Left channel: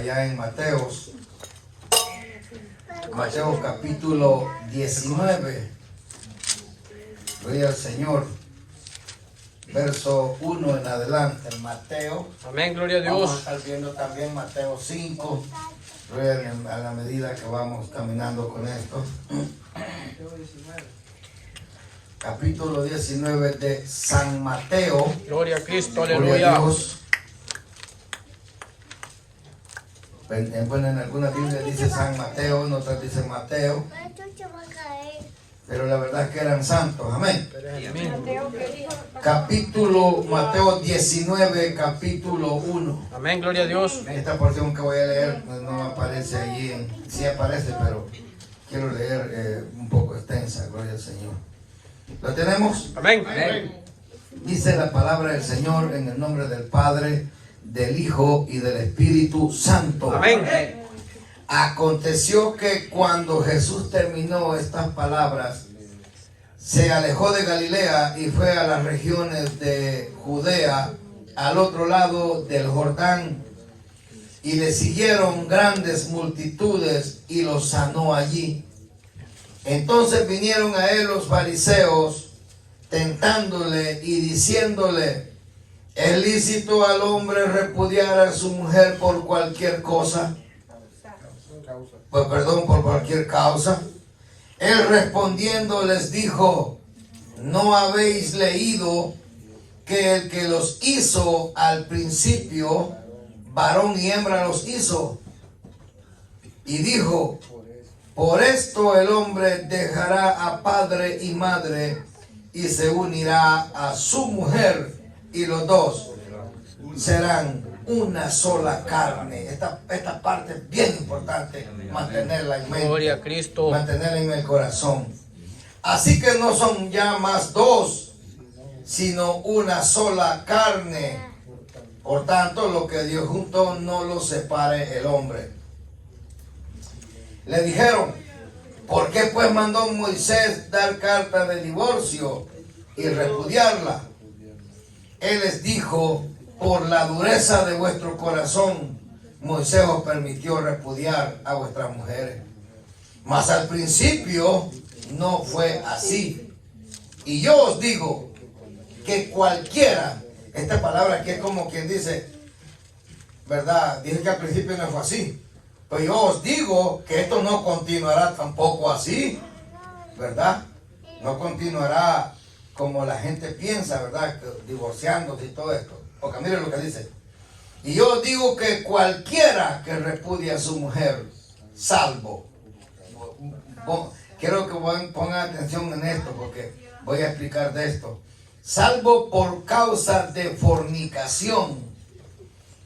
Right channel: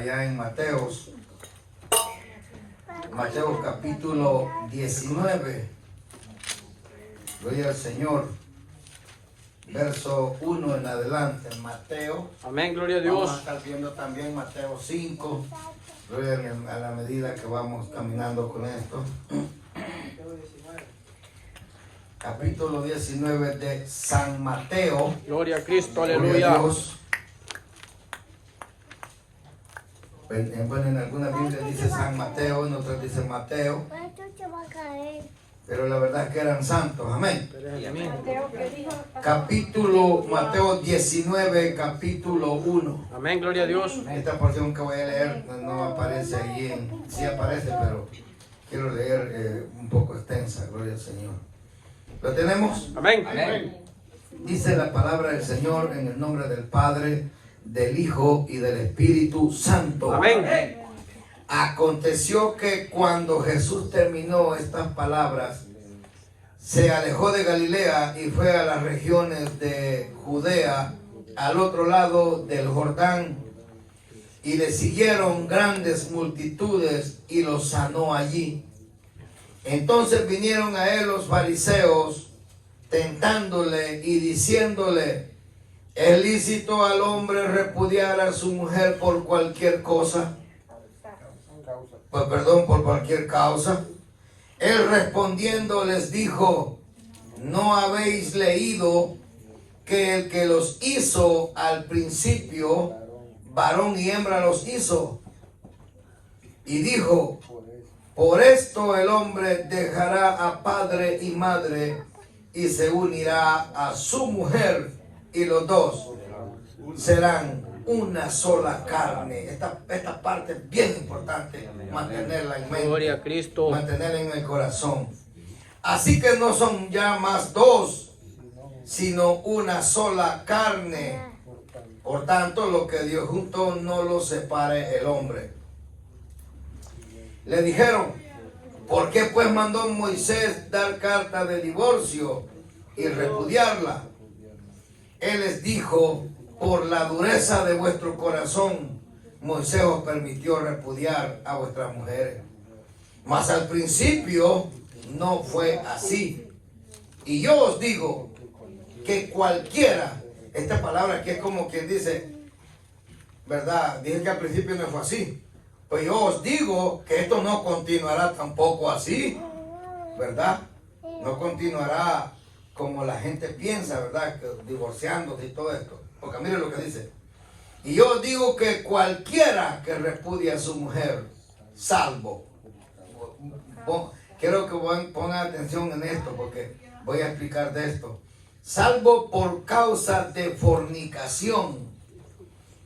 Allá en Mateos capítulo 19, gloria al Señor, verso 1 en adelante, en Mateo. Amén, gloria a Dios. Vamos a estar viendo también Mateo 5, gloria a la medida que vamos caminando con esto. Capítulo 19 de San Mateo. Gloria a Cristo, Gloria a aleluya. Dios. Bueno, en alguna Biblia dice San Mateo, en otras dice Mateo, pero la verdad es que eran santos, amén. Mateo 19, capítulo 1. Amén, gloria a Dios. Esta porción que voy a leer no me aparece allí, sí aparece, pero quiero leer un poco extensa, gloria al Señor. ¿Lo tenemos? Amén. Dice la palabra del Señor en el nombre del Padre, del Hijo y del Espíritu Santo. Amén. Aconteció que cuando Jesús terminó estas palabras, se alejó de Galilea y fue a las regiones de Judea, al otro lado del Jordán, y le siguieron grandes multitudes y los sanó allí. Entonces vinieron a él los fariseos, tentándole y diciéndole: ¿es lícito al hombre repudiar a su mujer por cualquier cosa? Por cualquier causa. Él respondiendo les dijo: ¿no habéis leído que el que los hizo al principio, varón y hembra los hizo? Y dijo: por esto el hombre dejará a padre y madre y se unirá a su mujer, y los dos serán una sola carne. Esta parte es bien importante, mantenerla en mente, Gloria a Cristo. mantenerla en el corazón. Así que no son ya más dos, sino una sola carne. Por tanto, lo que Dios juntó, no lo separe el hombre. Le dijeron: ¿por qué pues mandó Moisés dar carta de divorcio y repudiarla? Él les dijo: por la dureza de vuestro corazón, Moisés os permitió repudiar a vuestras mujeres. Mas al principio no fue así. Y yo os digo que cualquiera, esta palabra aquí es como quien dice, ¿verdad? Dije que al principio no fue así. Pero yo os digo que esto no continuará tampoco así, ¿verdad? No continuará como la gente piensa, ¿verdad? Divorciándose y todo esto. Porque mire lo que dice. Y yo os digo que cualquiera que repudie a su mujer, salvo. Quiero que pongan atención en esto, porque voy a explicar de esto. Salvo por causa de fornicación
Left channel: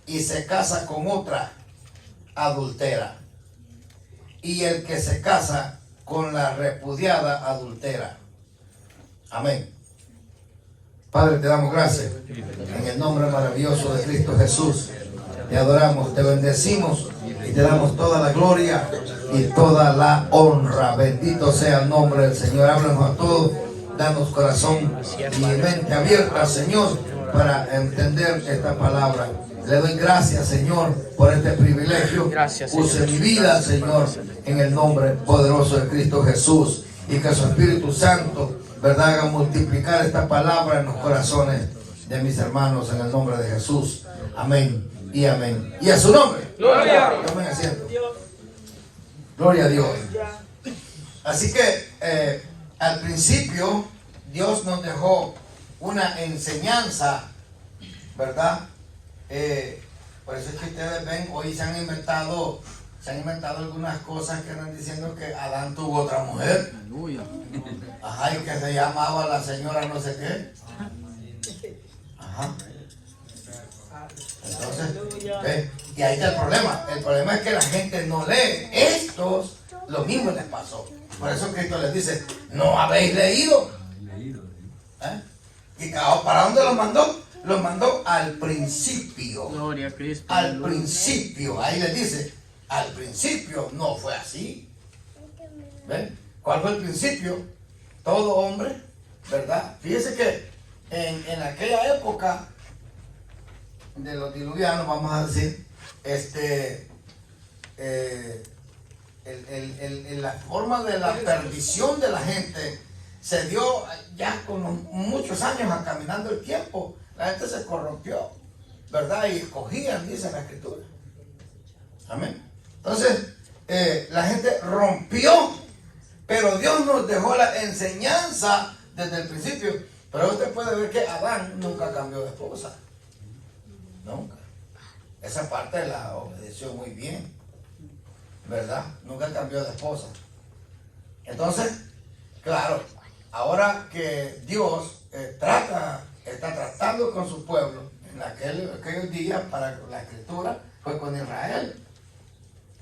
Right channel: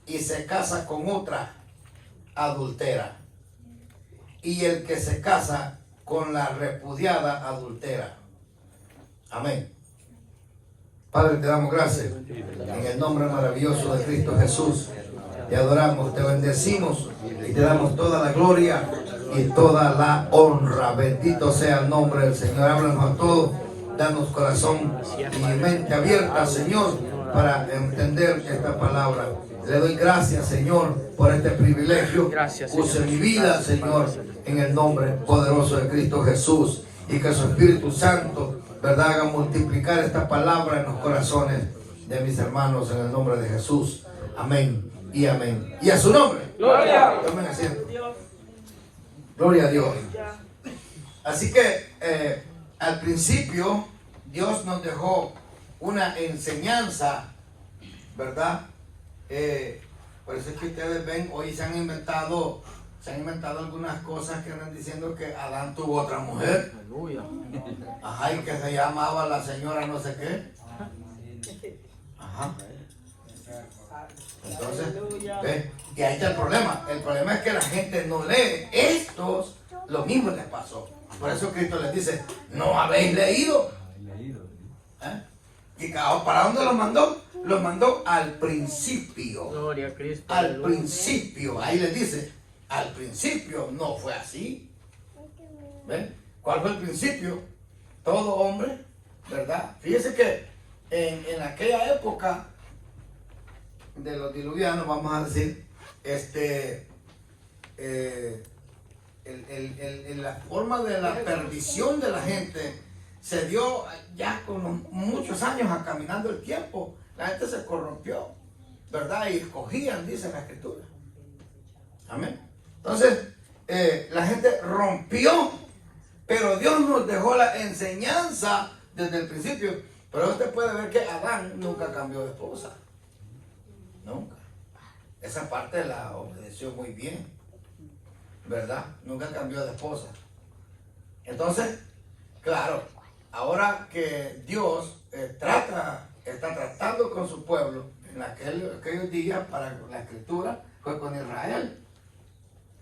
y se casa con otra, adultera. Y el que se casa con la repudiada, adultera. Amén. Padre, te damos gracias en el nombre maravilloso de Cristo Jesús. Te adoramos, te bendecimos y te damos toda la gloria y toda la honra. Bendito sea el nombre del Señor. Háblanos a todos, danos corazón y mente abierta, Señor, para entender esta palabra. Le doy gracias, Señor, por este privilegio. Gracias, Señor. Use mi vida, Señor, en el nombre poderoso de Cristo Jesús. Y que su Espíritu Santo, ¿verdad?, haga multiplicar esta palabra en los corazones de mis hermanos, en el nombre de Jesús. Amén y amén. Y a su nombre. Gloria. Tomen asiento. Gloria a Dios. Así que al principio Dios nos dejó una enseñanza, ¿verdad? Por eso es que ustedes ven, hoy se han inventado algunas cosas que andan diciendo que Adán tuvo otra mujer. Aleluya. Ajá, y que se llamaba la señora no sé qué. Ajá. Entonces, ¿ve? Y ahí está el problema. El problema es que la gente no lee. Estos, lo mismo les pasó. Por eso Cristo les dice: ¿no habéis leído? ¿Y para dónde los mandó? Los mandó al principio. Gloria a Cristo. Al Aleluya. principio. Ahí les dice: al principio no fue así. ¿Ven? ¿Cuál fue el principio? Todo hombre, ¿verdad? Fíjese que en aquella época de los diluvianos, vamos a decir, la forma de la perdición de la gente se dio ya con muchos años caminando el tiempo. La gente se corrompió, ¿verdad? Y escogían, dice la Escritura. Amén. Entonces, la gente rompió, pero Dios nos dejó la enseñanza desde el principio. Pero usted puede ver que Adán nunca cambió de esposa. Nunca. Esa parte la obedeció muy bien, ¿verdad? Nunca cambió de esposa. Entonces, claro, ahora que Dios está tratando con su pueblo, en aquellos días para la Escritura fue con Israel.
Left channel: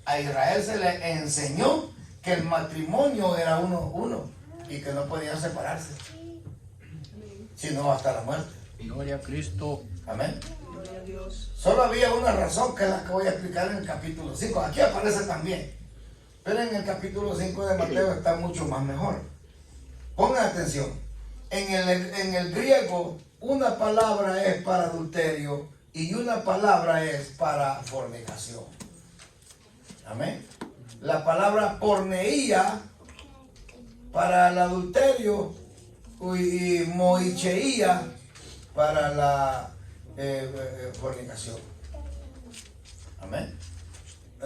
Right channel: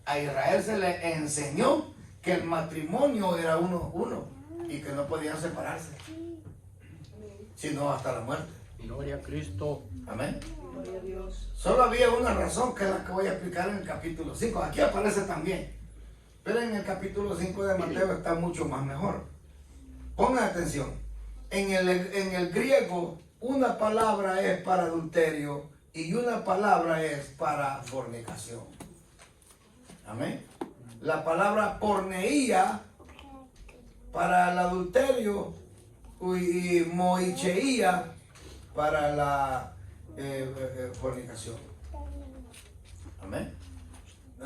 A Israel se le enseñó que el matrimonio era uno y que no podían separarse, sino hasta la muerte. Gloria a Cristo. Amén. Solo había una razón, que es la que voy a explicar en el capítulo 5. Aquí aparece también, pero en el capítulo 5 de Mateo está mucho más mejor. Pongan atención. En el griego, una palabra es para adulterio y una palabra es para fornicación. Amén. La palabra porneía para el adulterio y moicheía para la fornicación. Amén.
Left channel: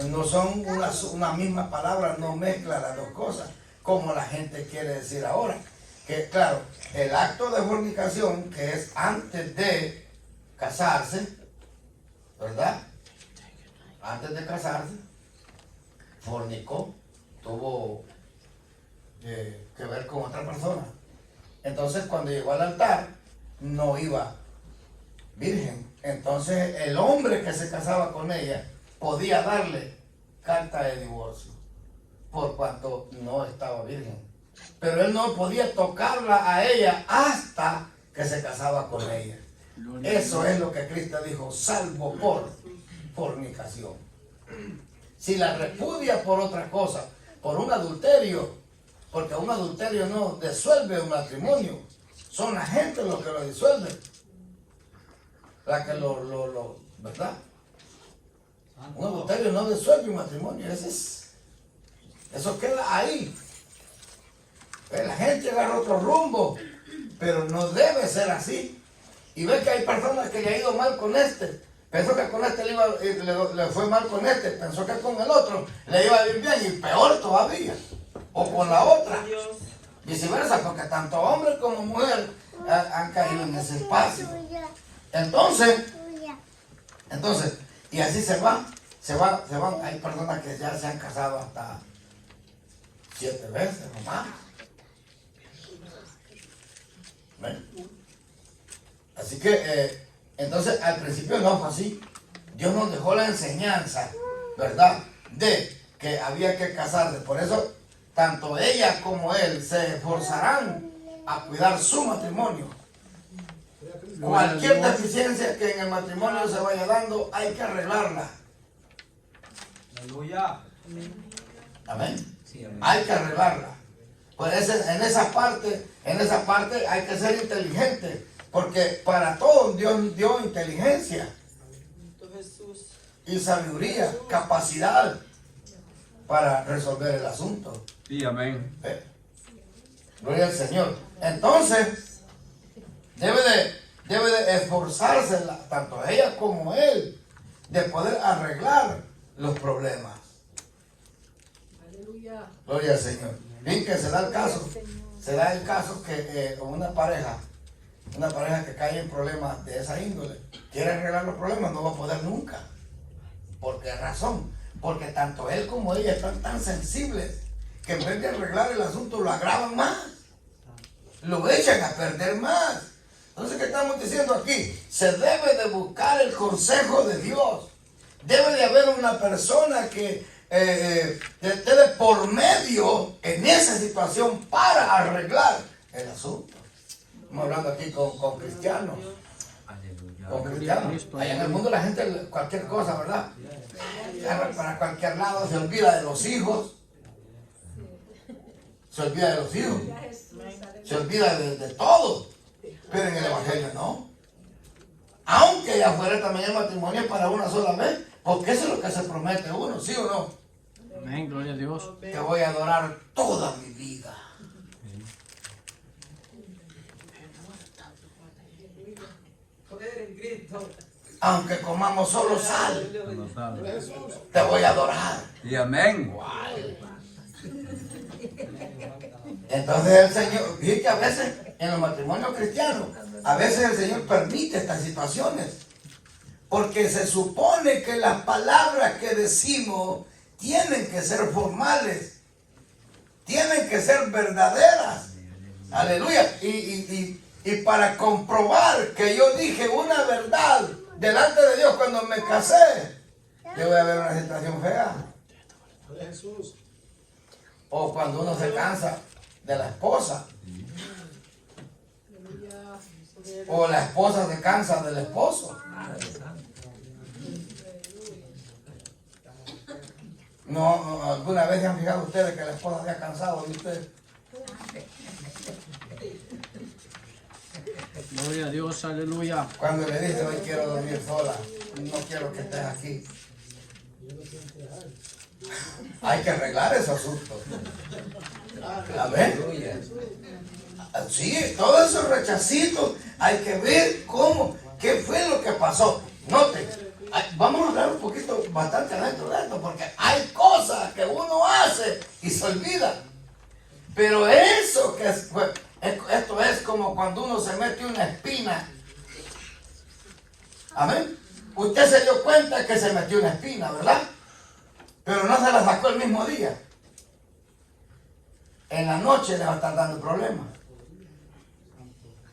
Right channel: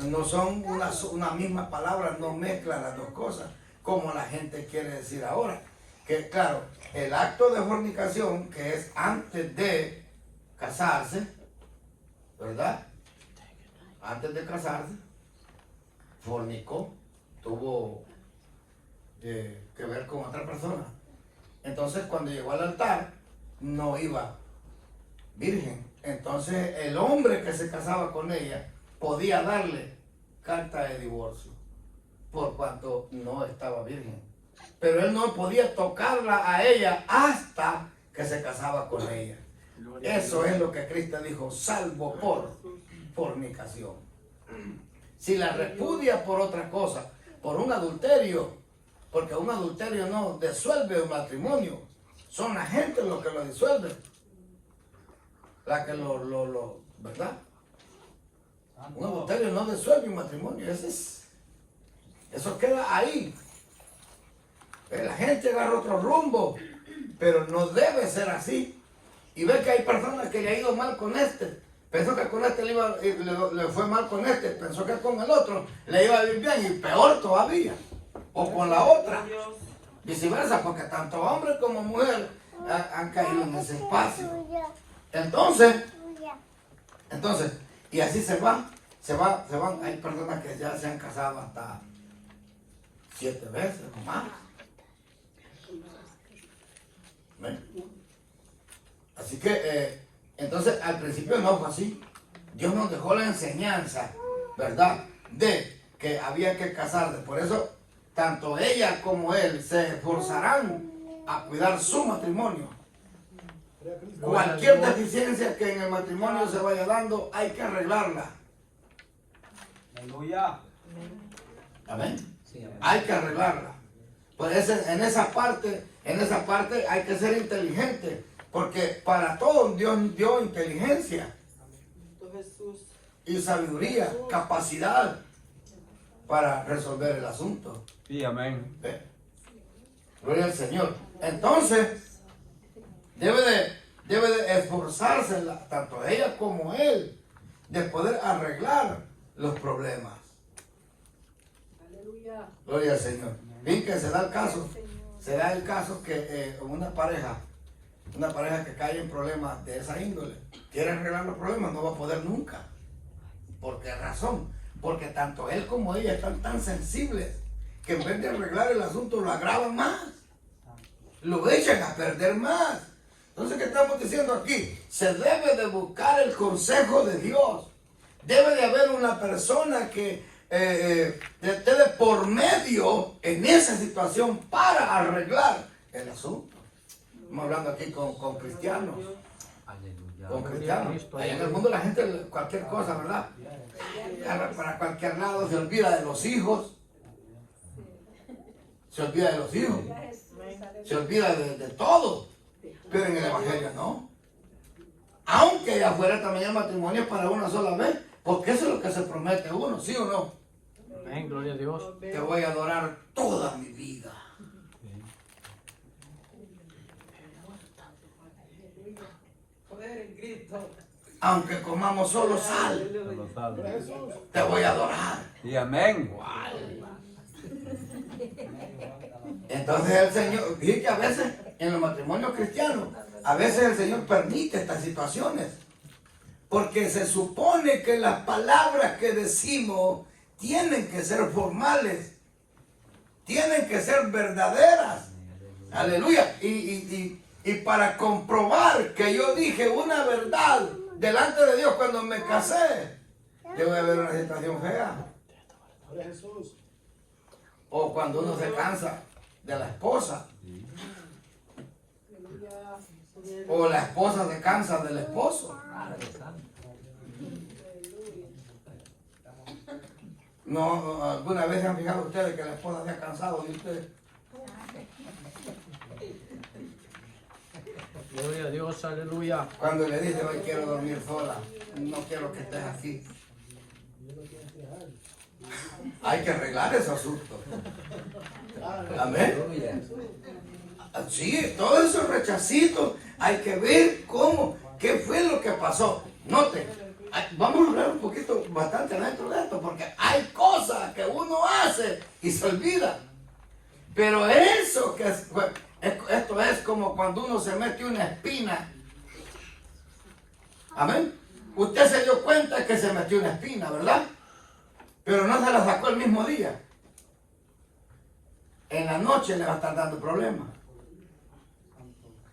No son una misma palabra, no mezcla las dos cosas, como la gente quiere decir ahora. Que claro, el acto de fornicación, que es antes de casarse, ¿verdad? Antes de casarse, fornicó, tuvo que ver con otra persona. Entonces, cuando llegó al altar, no iba virgen. Entonces, el hombre que se casaba con ella podía darle carta de divorcio, por cuanto no estaba virgen. Pero él no podía tocarla a ella hasta que se casaba con ella. Eso es lo que Cristo dijo, salvo por fornicación. Si la repudia por otra cosa, por un adulterio, porque un adulterio no disuelve un matrimonio, son la gente los que lo disuelven, la que ¿verdad? Un adulterio no disuelve un matrimonio, eso queda ahí. La gente agarra otro rumbo, pero no debe ser así. Y ve que hay personas que le ha ido mal con este. Pensó que con este le fue mal con este, pensó que con el otro le iba a ir bien y peor todavía. O con la otra. Viceversa, porque tanto hombre como mujer han caído en ese espacio. Entonces, y así se van. Hay personas que ya se han casado hasta 7 veces nomás. ¿Ven? Así que, entonces al principio no fue así. Dios nos dejó la enseñanza, ¿verdad? De que había que casarse. Por eso, tanto ella como él se esforzarán a cuidar su matrimonio. Cualquier deficiencia que en el matrimonio se vaya dando, hay que arreglarla. Aleluya. Amén. Hay que arreglarla. Pues en esa parte hay que ser inteligente, porque para todo Dios dio inteligencia y sabiduría, capacidad para resolver el asunto. Sí, amén. Gloria al Señor. Entonces, debe de esforzarse tanto ella como él de poder arreglar los problemas. Gloria al Señor. Bien que se da el caso que una pareja que cae en problemas de esa índole, quiere arreglar los problemas, no va a poder nunca. ¿Por qué razón? Porque tanto él como ella están tan sensibles que en vez de arreglar el asunto lo agravan más, lo echan a perder más. Entonces, ¿qué estamos diciendo aquí? Se debe de buscar el consejo de Dios. Debe de haber una persona que esté de por medio en esa situación para arreglar el asunto. Estamos hablando aquí con cristianos. Aleluya. Con cristianos. Allá en el mundo la gente, cualquier cosa, ¿verdad? Para cualquier lado se olvida de los hijos. Se olvida de los hijos. Se olvida de todo. Pero en el Evangelio no. Aunque allá afuera también el matrimonio es para una sola vez, Porque eso es lo que se promete uno, ¿sí o no? Amén, gloria a Dios. Te voy a adorar toda mi vida. Aunque comamos solo sal, Solo sabe. te voy a adorar. Y amén. Entonces el Señor, fíjate que a veces en los matrimonios cristianos, a veces el Señor permite estas situaciones. Porque se supone que las palabras que decimos tienen que ser formales, tienen que ser verdaderas. Aleluya. Y para comprobar que yo dije una verdad delante de Dios cuando me casé, yo voy a ver una situación fea. O cuando uno se cansa de la esposa. O la esposa se cansa del esposo. No, ¿alguna vez se han fijado ustedes que la esposa se ha cansado de ustedes? Gloria a Dios, aleluya. Cuando le dice, hoy quiero dormir sola, no quiero que estés aquí. Hay que arreglar ese asunto. Amén. Sí, todos esos rechacitos, hay que ver qué fue lo que pasó. Noten, vamos a hablar un poquito, bastante dentro de esto, porque hay cosas que uno hace y se olvida. Pero eso que esto es como cuando uno se mete una espina. Amén. Usted se dio cuenta que se metió una espina, ¿verdad? Pero no se la sacó el mismo día. En la noche le va a estar dando problemas.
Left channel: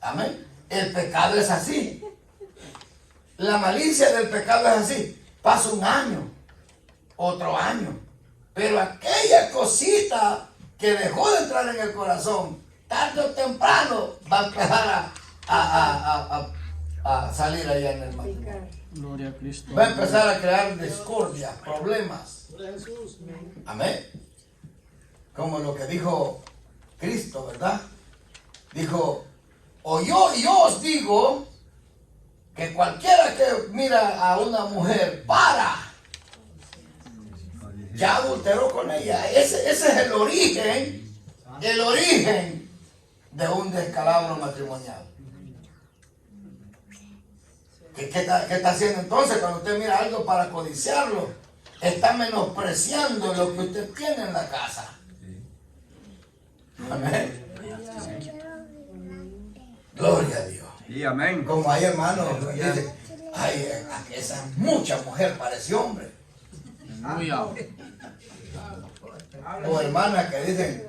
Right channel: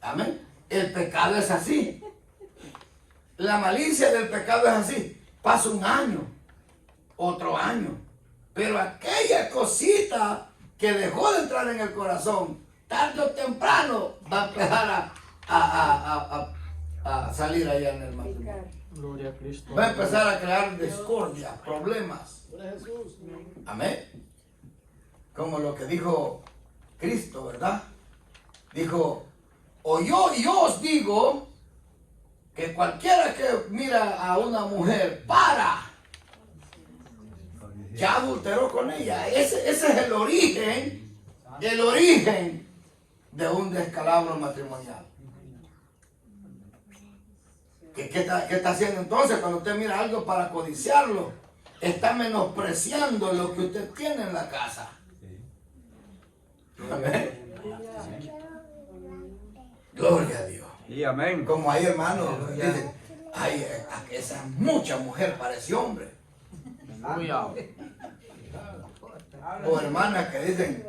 Amén. El pecado es así. La malicia del pecado es así. Pasa un año, otro año. Pero aquella cosita que dejó de entrar en el corazón, tarde o temprano va a empezar a salir allá en el matrimonio. Gloria a Cristo. Va a empezar a crear discordia, problemas. Amén. Como lo que dijo Cristo, ¿verdad? Dijo, yo os digo que cualquiera que mira a una mujer ya adulteró con ella. Ese es el origen de un descalabro matrimonial. ¿Qué está haciendo entonces? Cuando usted mira algo para codiciarlo, está menospreciando lo que usted tiene en la casa. Amén. Gloria a Dios. Y amén. Como hay hermanos que dicen, ay, esa mucha mujer parece hombre. Aleluya. O hermanas que dicen,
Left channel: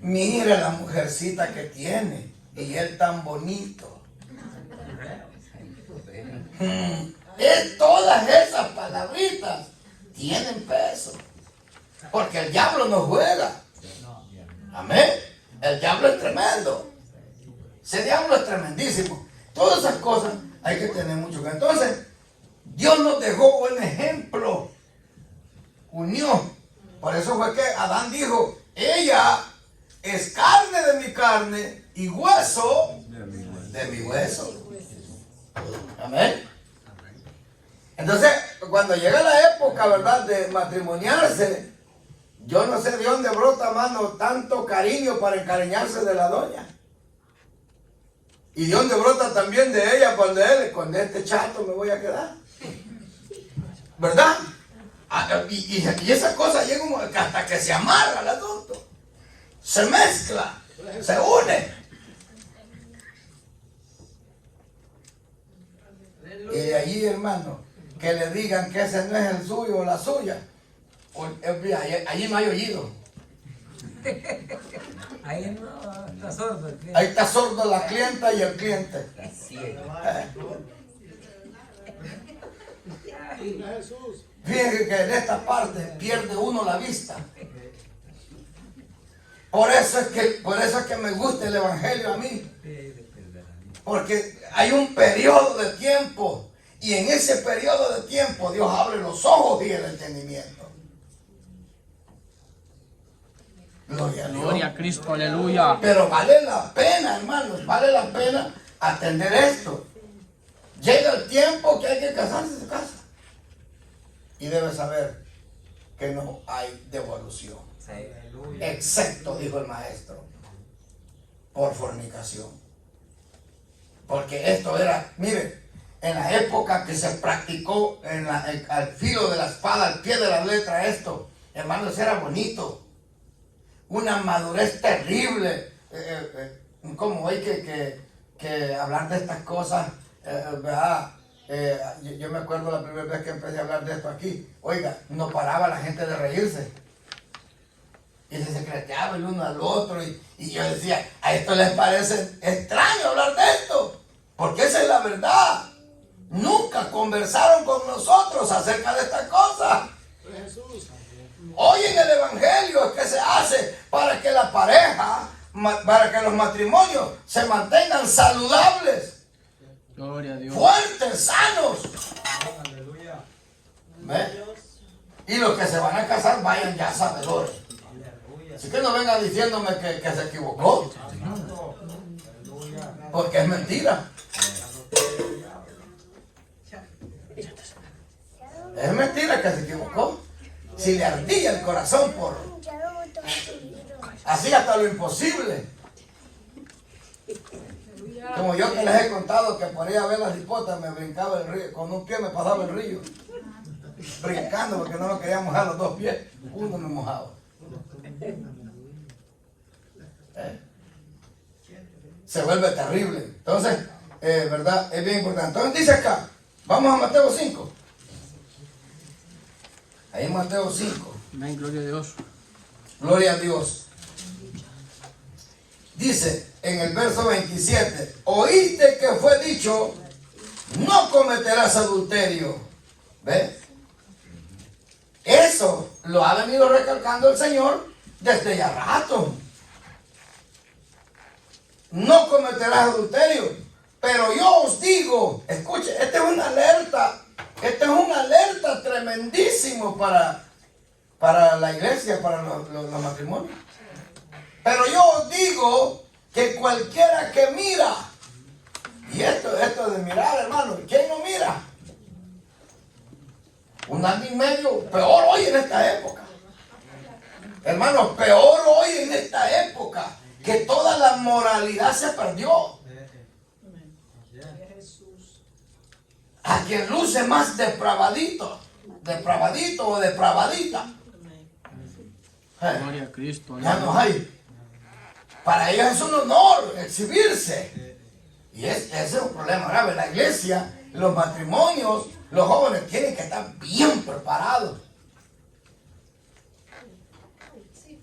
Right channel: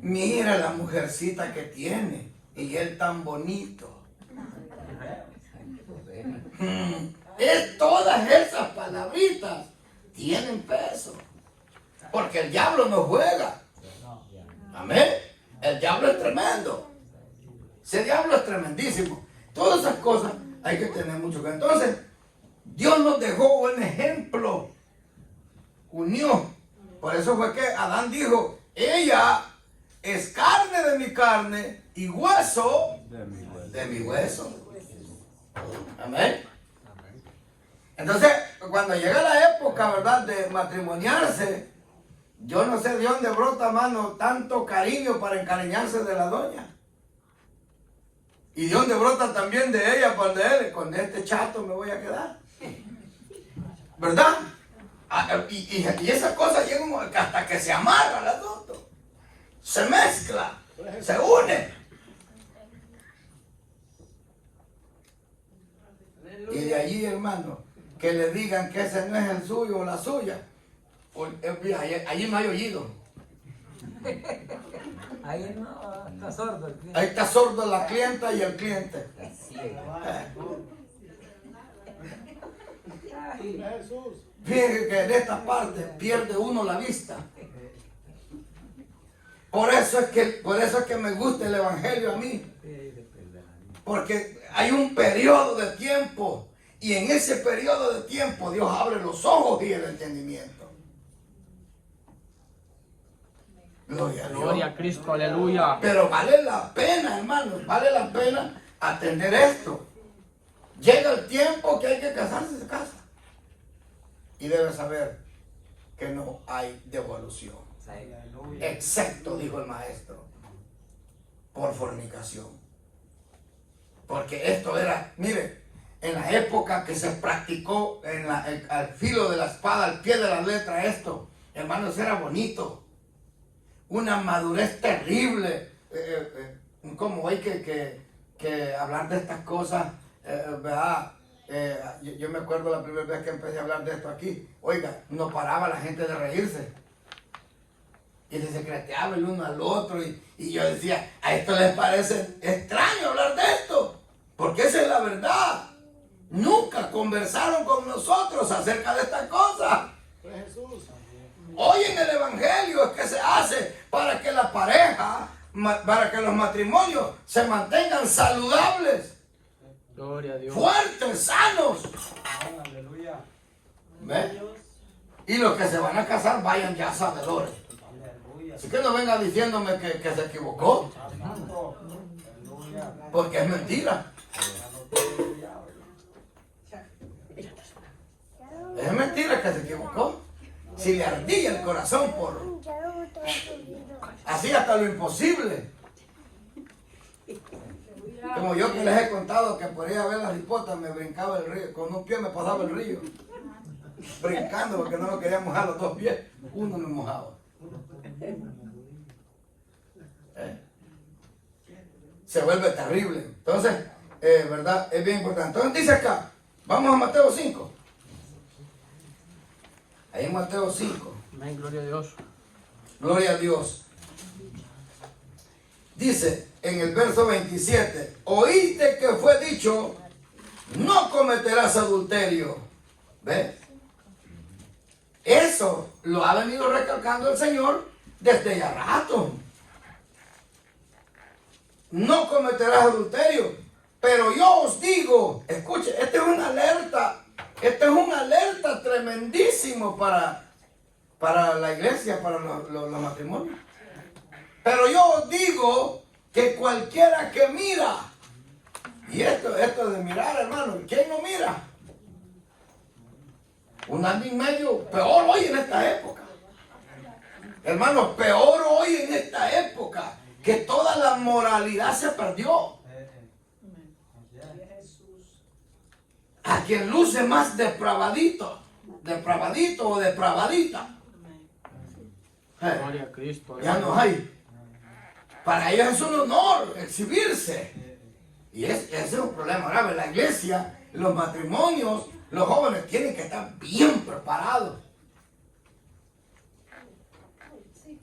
mira la mujercita que tiene y él tan bonito. Todas esas palabritas tienen peso. Porque el diablo no juega. Amén. El diablo es tremendo. Ese diablo es tremendísimo. Todas esas cosas hay que tener mucho cuidado. Entonces, Dios nos dejó un ejemplo. Unión. Por eso fue que Adán dijo, ella es carne de mi carne y hueso de mi hueso. Amén. Entonces, cuando llega la época, ¿verdad?, de matrimoniarse, yo no sé de dónde brota, mano, tanto cariño para encariñarse de la doña. Y de dónde brota también de ella, con este chato me voy a quedar. ¿Verdad? Y esa cosa llega como que hasta que se amarra el asunto. Se mezcla, se une. Y de allí, hermano, que le digan que ese no es el suyo o la suya. Allí no hay oído. Ahí no, está sordo el cliente. Ahí está sordo la clienta y el cliente. Fíjense que en esta parte pierde uno la vista. Por eso es que me gusta el evangelio a mí. Porque hay un periodo de tiempo. Y en ese periodo de tiempo Dios abre los ojos y el entendimiento. Gloria a Dios. Gloria a Cristo, aleluya. Pero vale la pena, hermanos, vale la pena atender esto. Llega el tiempo que hay que casarse, se casa. y debe saber que no hay devolución. Excepto, dijo el maestro, por fornicación. Porque esto era, mire, en la época que se practicó al filo de la espada, al pie de la letra, esto, hermanos, era bonito. Una madurez terrible. Como hay que hablar de estas cosas, ¿verdad? Yo me acuerdo la primera vez que empecé a hablar de esto aquí. Oiga, no paraba la gente de reírse. Y se secreteaba el uno al otro. Y yo decía, a esto les parece extraño hablar de esto. Porque esa es la verdad. Nunca conversaron con nosotros acerca de estas cosas. Hoy en el Evangelio es que se hace para que la pareja, para que los matrimonios se mantengan saludables, Gloria a Dios. fuertes, sanos. ¿Ve? Y los que se van a casar vayan ya sabedores. Así que no venga diciéndome que se equivocó, porque es mentira. Es mentira que se equivocó. Si le ardía el corazón por así hasta lo imposible. Como yo que les he contado que por ir a ver las hipotas me brincaba el río, con un pie me pasaba el río, brincando porque no me quería mojar los dos pies, uno me mojaba. Se vuelve terrible. Entonces, ¿verdad? Es bien importante. Entonces dice acá, vamos a Mateo 5. Ahí en Mateo 5. Amén, gloria a Dios. Gloria a Dios. Dice en el verso 27, oíste que fue dicho, no cometerás adulterio. ¿Ves? Eso lo ha venido recalcando el Señor desde ya rato. No cometerás adulterio. Pero yo os digo, escuche, esta es una alerta. Este es un alerta tremendísimo para la iglesia, para los matrimonios. Pero yo os digo que cualquiera que mira, y esto de mirar, hermano, ¿quién no mira? Un año y medio, peor hoy en esta época. Hermanos, peor hoy en esta época, que toda la moralidad se perdió. A quien luce más depravadito o depravadita. Gloria a Cristo. Ya no hay. Para ellos es un honor exhibirse. Y ese es un problema grave. La iglesia, los matrimonios, los jóvenes tienen que estar bien preparados.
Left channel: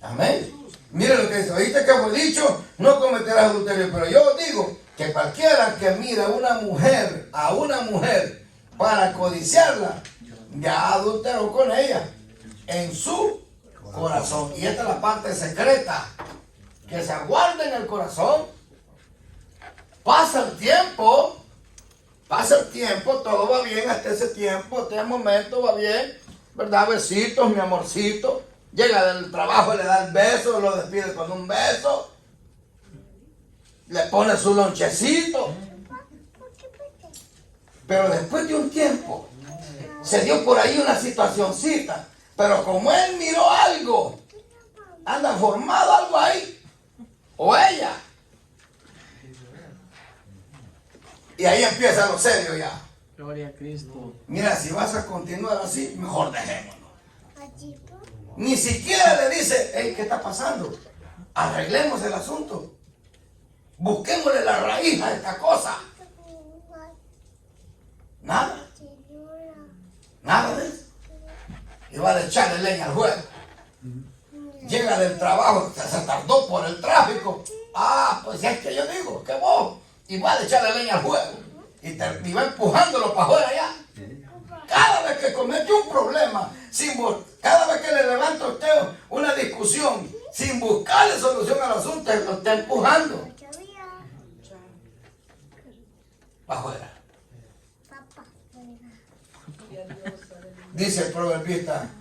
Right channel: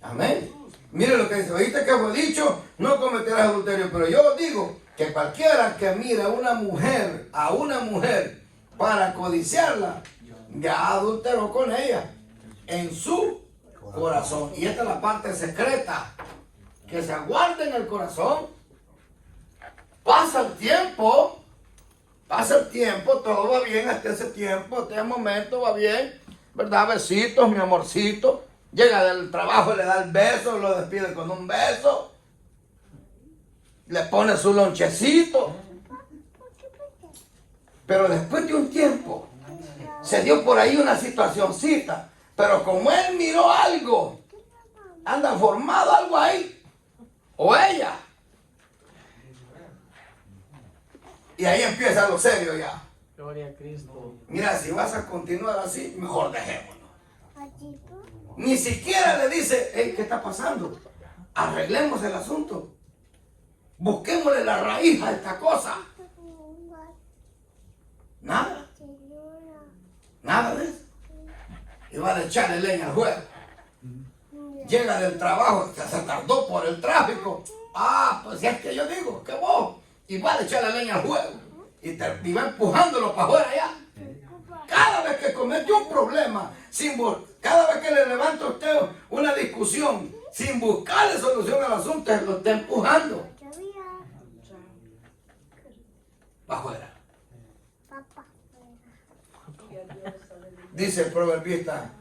Amén. Mire lo que dice. Oíste que fue dicho, no cometerás adulterio. Pero yo digo que cualquiera que mira a una mujer para codiciarla, ya adulteró con ella en su corazón. Y esta es la parte secreta que se guarda en el corazón. Pasa el tiempo, todo va bien hasta ese tiempo, hasta ese momento va bien, ¿verdad? Besitos, mi amorcito. Llega del trabajo, le da el beso, lo despide con un beso. Le pone su lonchecito. Pero después de un tiempo, se dio por ahí una situacioncita. Pero como él miró algo, anda formado algo ahí, o ella. Y ahí empieza lo serio ya. Gloria a Cristo. Mira, si vas a continuar así, mejor dejémonos. Ni siquiera le dice, hey, ¿qué está pasando? Arreglemos el asunto. Busquémosle la raíz a esta cosa. Nada. Nada de eso. Y va a echarle leña al juego. Llega del trabajo, se tardó por el tráfico. Ah, pues es que yo digo, que vos. Y va a echarle leña al juego. Y va empujándolo para afuera ya. Cada vez que comete un problema, cada vez que le levanta a usted una discusión, sin buscarle solución al asunto, lo está empujando para afuera. Dice el proverbista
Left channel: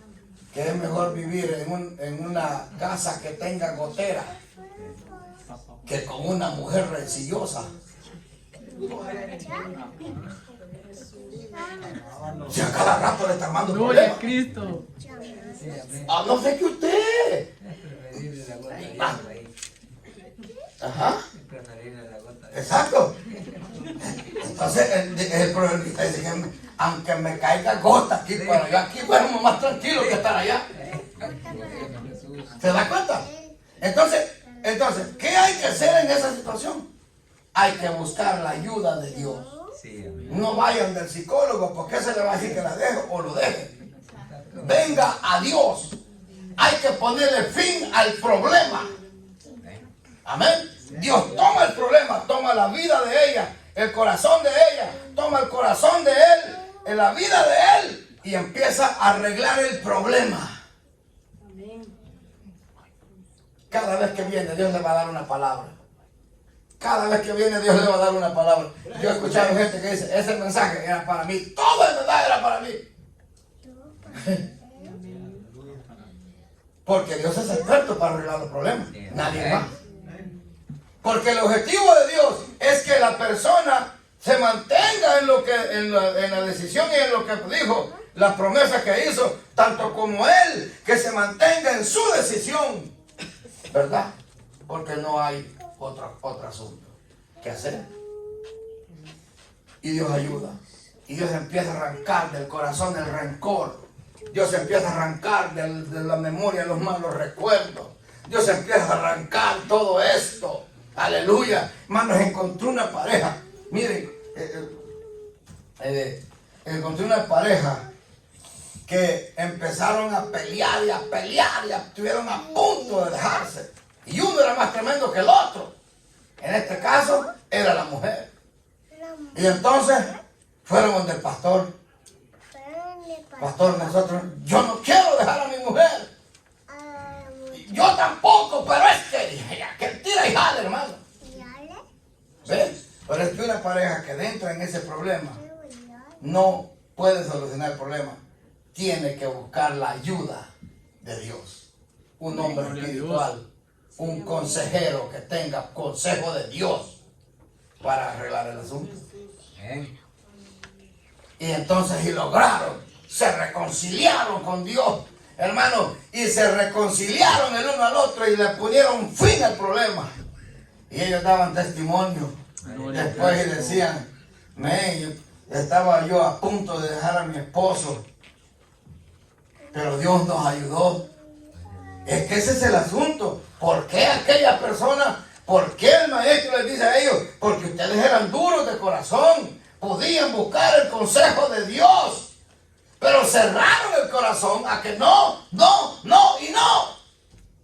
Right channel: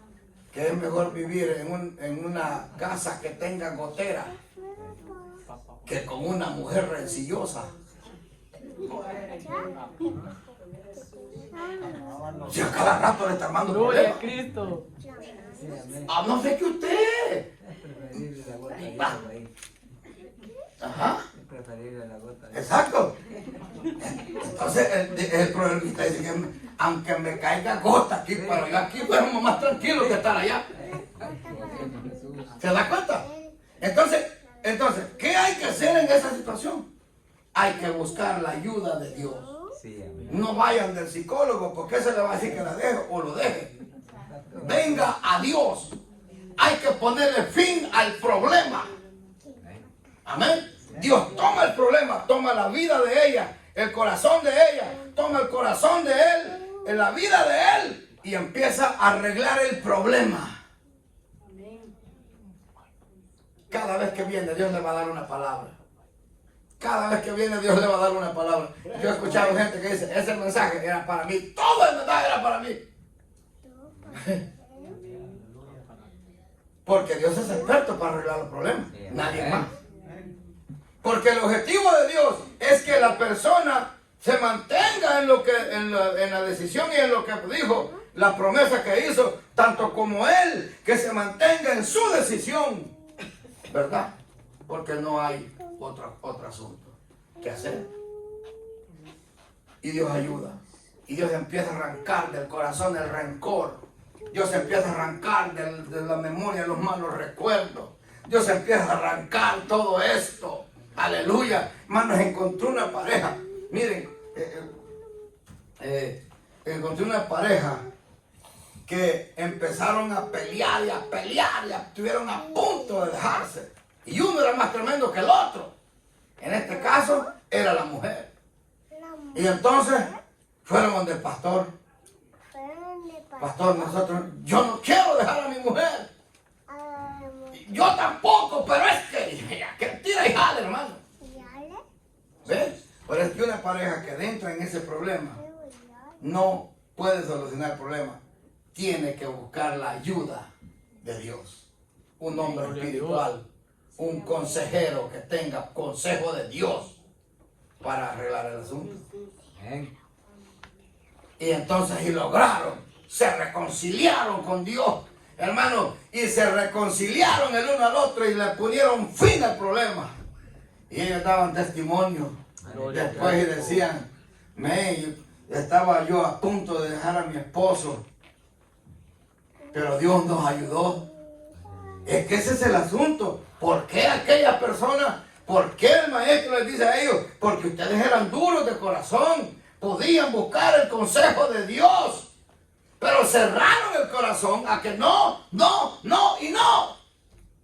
que es mejor vivir en una casa que tenga gotera que con una mujer rencillosa. Si a cada rato le está armando Gloria a problemas. Cristo. Sí, amén. Ah, no sé que usted. Es preferible la gota de agua ahí. Ajá. Es preferible la gota de agua. Exacto. Entonces el proverbista dice que aunque me caiga gota aquí, pero yo aquí duermo más tranquilo que estar allá. ¿Se da cuenta? Entonces, ¿qué hay que hacer en esa situación? Hay que buscar la ayuda de Dios. Sí, amén. No vayan del psicólogo porque ese le va a decir que la deje o lo deje. Venga a Dios. Hay que ponerle fin al problema. Amén. Dios toma el problema, toma la vida de ella, el corazón de ella, toma el corazón de él, en la vida de él y empieza a arreglar el problema. Cada vez que viene Dios le va a dar una palabra. Cada vez que viene Dios le va a dar una palabra. Yo he escuchado gente que dice, ese mensaje era para mí, todo el mensaje era para mí. Porque Dios es experto para arreglar los problemas, nadie más. Porque el objetivo de Dios es que la persona se mantenga en la decisión y en lo que dijo, las promesas que hizo, tanto como él, que se mantenga en su decisión, ¿verdad? Porque no hay otro asunto que hacer. Y Dios ayuda. Y Dios empieza a arrancar del corazón el rencor. Dios empieza a arrancar de la memoria los malos recuerdos. Dios empieza a arrancar todo esto. Aleluya. Hermanos, encontré una pareja. Miren, encontré una pareja que empezaron a pelear y a pelear y estuvieron a punto de dejarse. Y uno era más tremendo que el otro. En este caso, era la mujer. Y entonces, fueron donde el pastor. Pastor, yo no quiero dejar a mi mujer. Yo tampoco, pero es que tira y jale, hermano. ¿Ves? Pero es que una pareja que entra en ese problema no puede solucionar el problema. Tiene que buscar la ayuda de Dios. Un hombre espiritual, un consejero que tenga consejo de Dios para arreglar el asunto. Y entonces y lograron, se reconciliaron con Dios, hermano, y se reconciliaron el uno al otro y le pusieron fin al problema. Y ellos daban testimonio. Después y decían, estaba yo a punto de dejar a mi esposo, pero Dios nos ayudó. Es que ese es el asunto. ¿Por qué aquella persona? ¿Por qué el maestro les dice a ellos? Porque ustedes eran duros de corazón. Podían buscar el consejo de Dios. Pero cerraron el corazón a que no.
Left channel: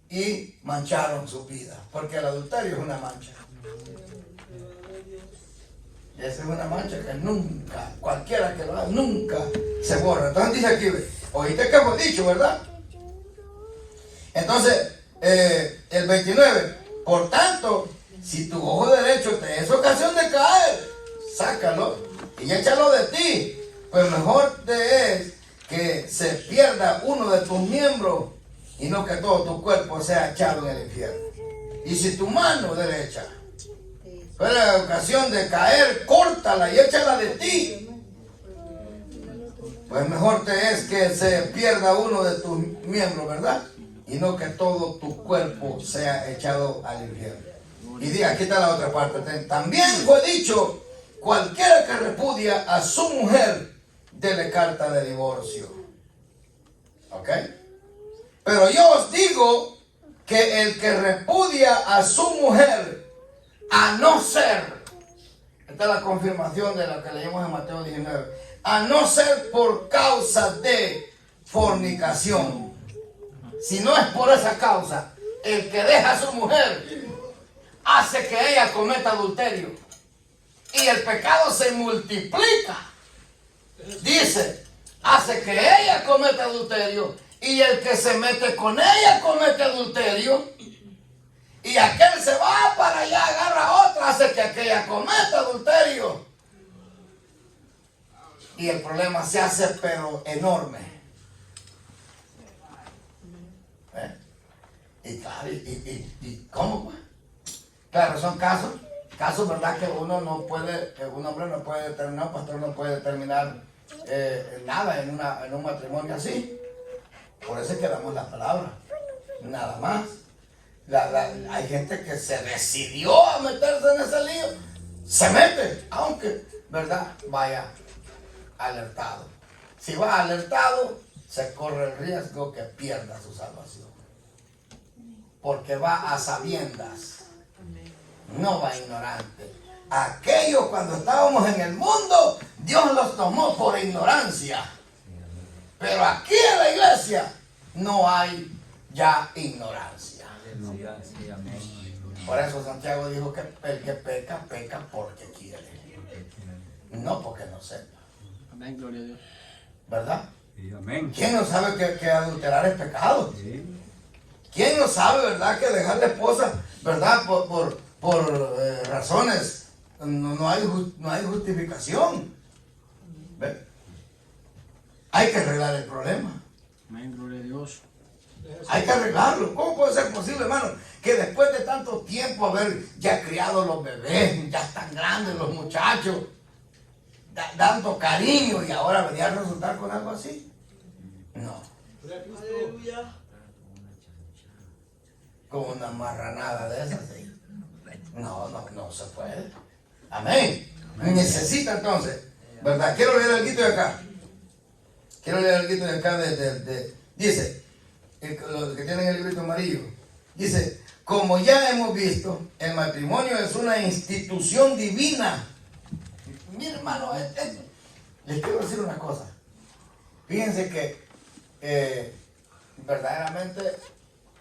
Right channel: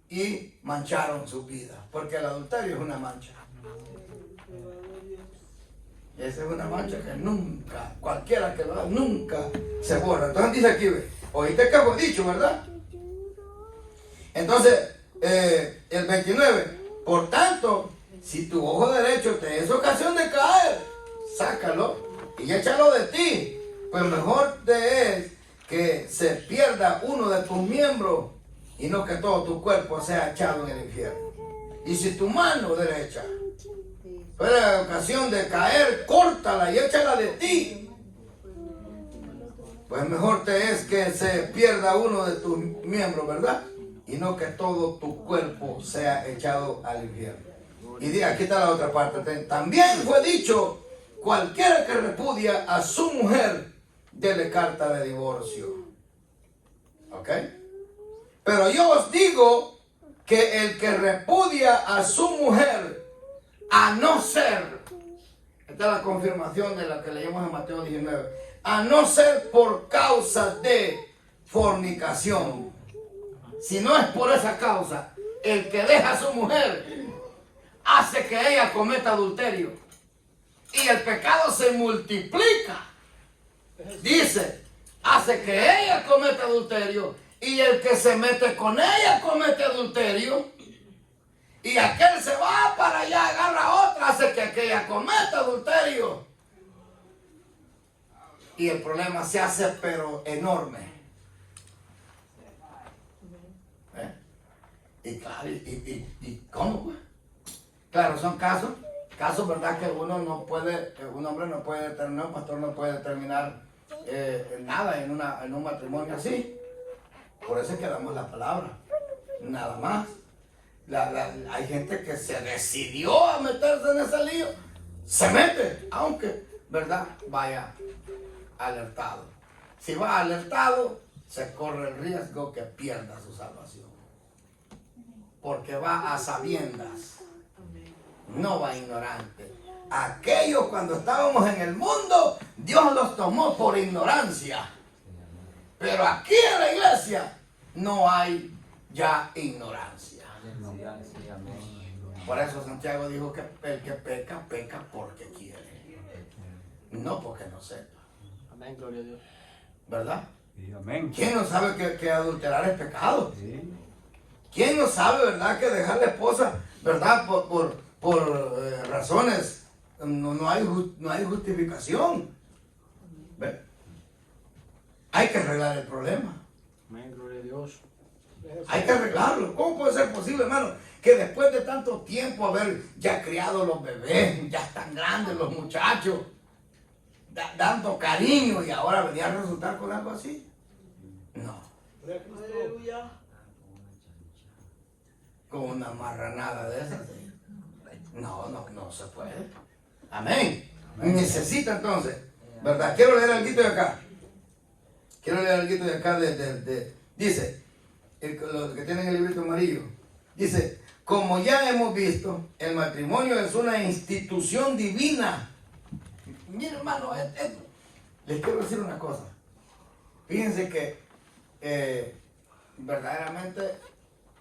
Y mancharon su vida. Porque el adulterio es una mancha. Esa es una mancha que nunca, cualquiera que lo haga, nunca se borra. Entonces dice aquí, oíste que fue dicho, ¿verdad? Entonces, el 29, por tanto, si tu ojo derecho te es ocasión de caer, sácalo y échalo de ti. Pues mejor te es que se pierda uno de tus miembros y no que todo tu cuerpo sea echado en el infierno. Y si tu mano derecha fuera ocasión de caer, córtala y échala de ti. Pues mejor te es que se pierda uno de tus miembros, ¿verdad? Y no que todo tu cuerpo sea echado al infierno. Y diga, aquí está la otra parte. También fue dicho, cualquiera que repudia a su mujer, dele carta de divorcio. ¿Ok? Pero yo os digo que el que repudia a su mujer, a no ser, esta es la confirmación de lo que leímos en Mateo 19, a no ser por causa de fornicación. Si no es por esa causa, el que deja a su mujer hace que ella cometa adulterio. Y el pecado se multiplica. Dice, hace que ella cometa adulterio. Y el que se mete con ella comete adulterio. Y aquel se va para allá, agarra a otra, hace que aquella cometa adulterio. Y el problema se hace pero enorme. Y claro, ¿y cómo pues? Claro, son casos, verdad que uno no puede, que un hombre no puede determinar, un pastor no puede determinar nada en un matrimonio así. Por eso es que damos la palabra. Nada más. Hay gente que se decidió a meterse en ese lío. Se mete, aunque, ¿verdad? Vaya alertado. Si va alertado, se corre el riesgo que pierda su salvación. Porque va a sabiendas, no va ignorante. Aquellos cuando estábamos en el mundo, Dios los tomó por ignorancia. Pero aquí en la iglesia no hay ya ignorancia. Aleluya, sí, amén. Por eso Santiago dijo que el que peca, peca porque quiere. No porque no sepa. Amén, gloria a Dios. ¿Verdad? Sí, amén. ¿Quién no sabe que adulterar es pecado? Sí. ¿Quién no sabe, verdad, que dejar la esposa, verdad, por razones, no hay justificación? ¿Ve? Hay que arreglar el problema. Amén, gloria a Dios. Hay que arreglarlo. ¿Cómo puede ser posible, hermano, que después de tanto tiempo haber ya criado los bebés, ya están grandes los muchachos, dando cariño y ahora venía a resultar con algo así? No. Con una marranada de esas. ¿Sí? No se puede. Amén. Necesita entonces, ¿verdad? Quiero leer algo de acá. Dice, los que tienen el librito amarillo, dice, como ya hemos visto, el matrimonio es una institución divina. Mira, hermano, les quiero decir una cosa. Fíjense que verdaderamente,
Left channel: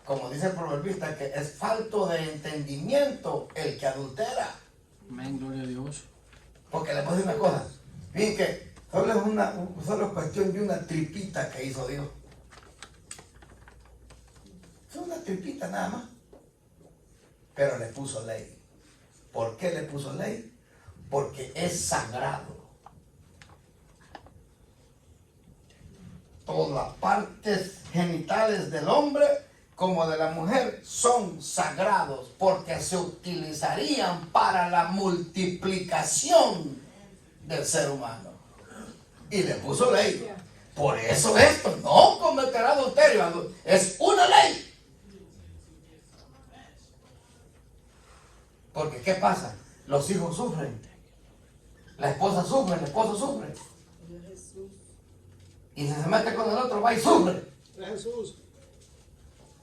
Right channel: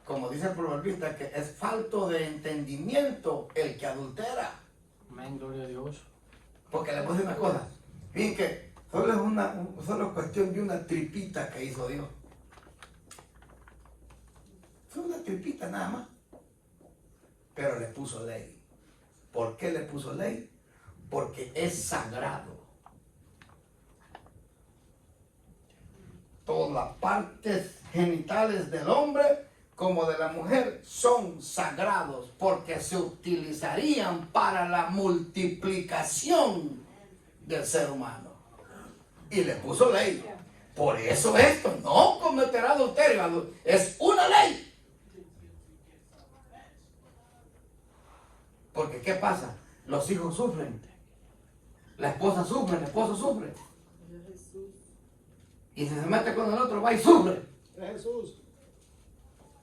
como dice el proverbista, que es falto de entendimiento el que adultera. Amén, gloria a Dios. Porque les voy a decir una cosa. Fíjense que solo es cuestión de una tripita que hizo Dios. Fue una tripita nada más. Pero le puso ley. ¿Por qué le puso ley? Porque es sagrado. Todas las partes genitales del hombre como de la mujer son sagrados porque se utilizarían para la multiplicación del ser humano. Y le puso ley. Por eso esto, no cometerá adulterio, es una ley. Porque ¿qué pasa? Los hijos sufren, la esposa sufre, el esposo sufre. Y si se mete con el otro, va y sufre.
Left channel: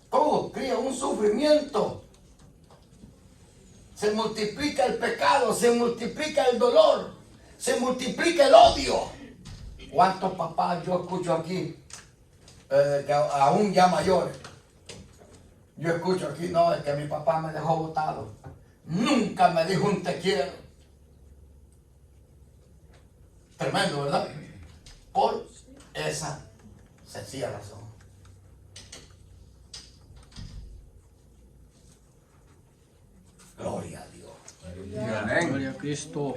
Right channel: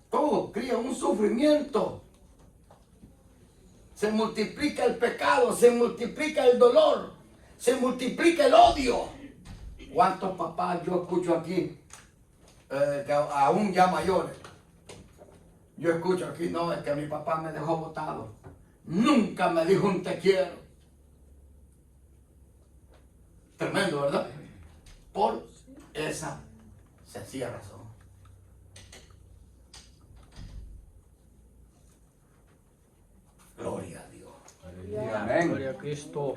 Todo cría un sufrimiento. Se multiplica el pecado, se multiplica el dolor, se multiplica el odio. ¿Cuántos papás yo escucho aquí, que aún ya mayores? Yo escucho aquí, no, es que mi papá me dejó botado. Nunca me dijo un te quiero. Tremendo, ¿verdad? Por esa sencilla razón. Gloria a Dios. Amén. Gloria a Cristo.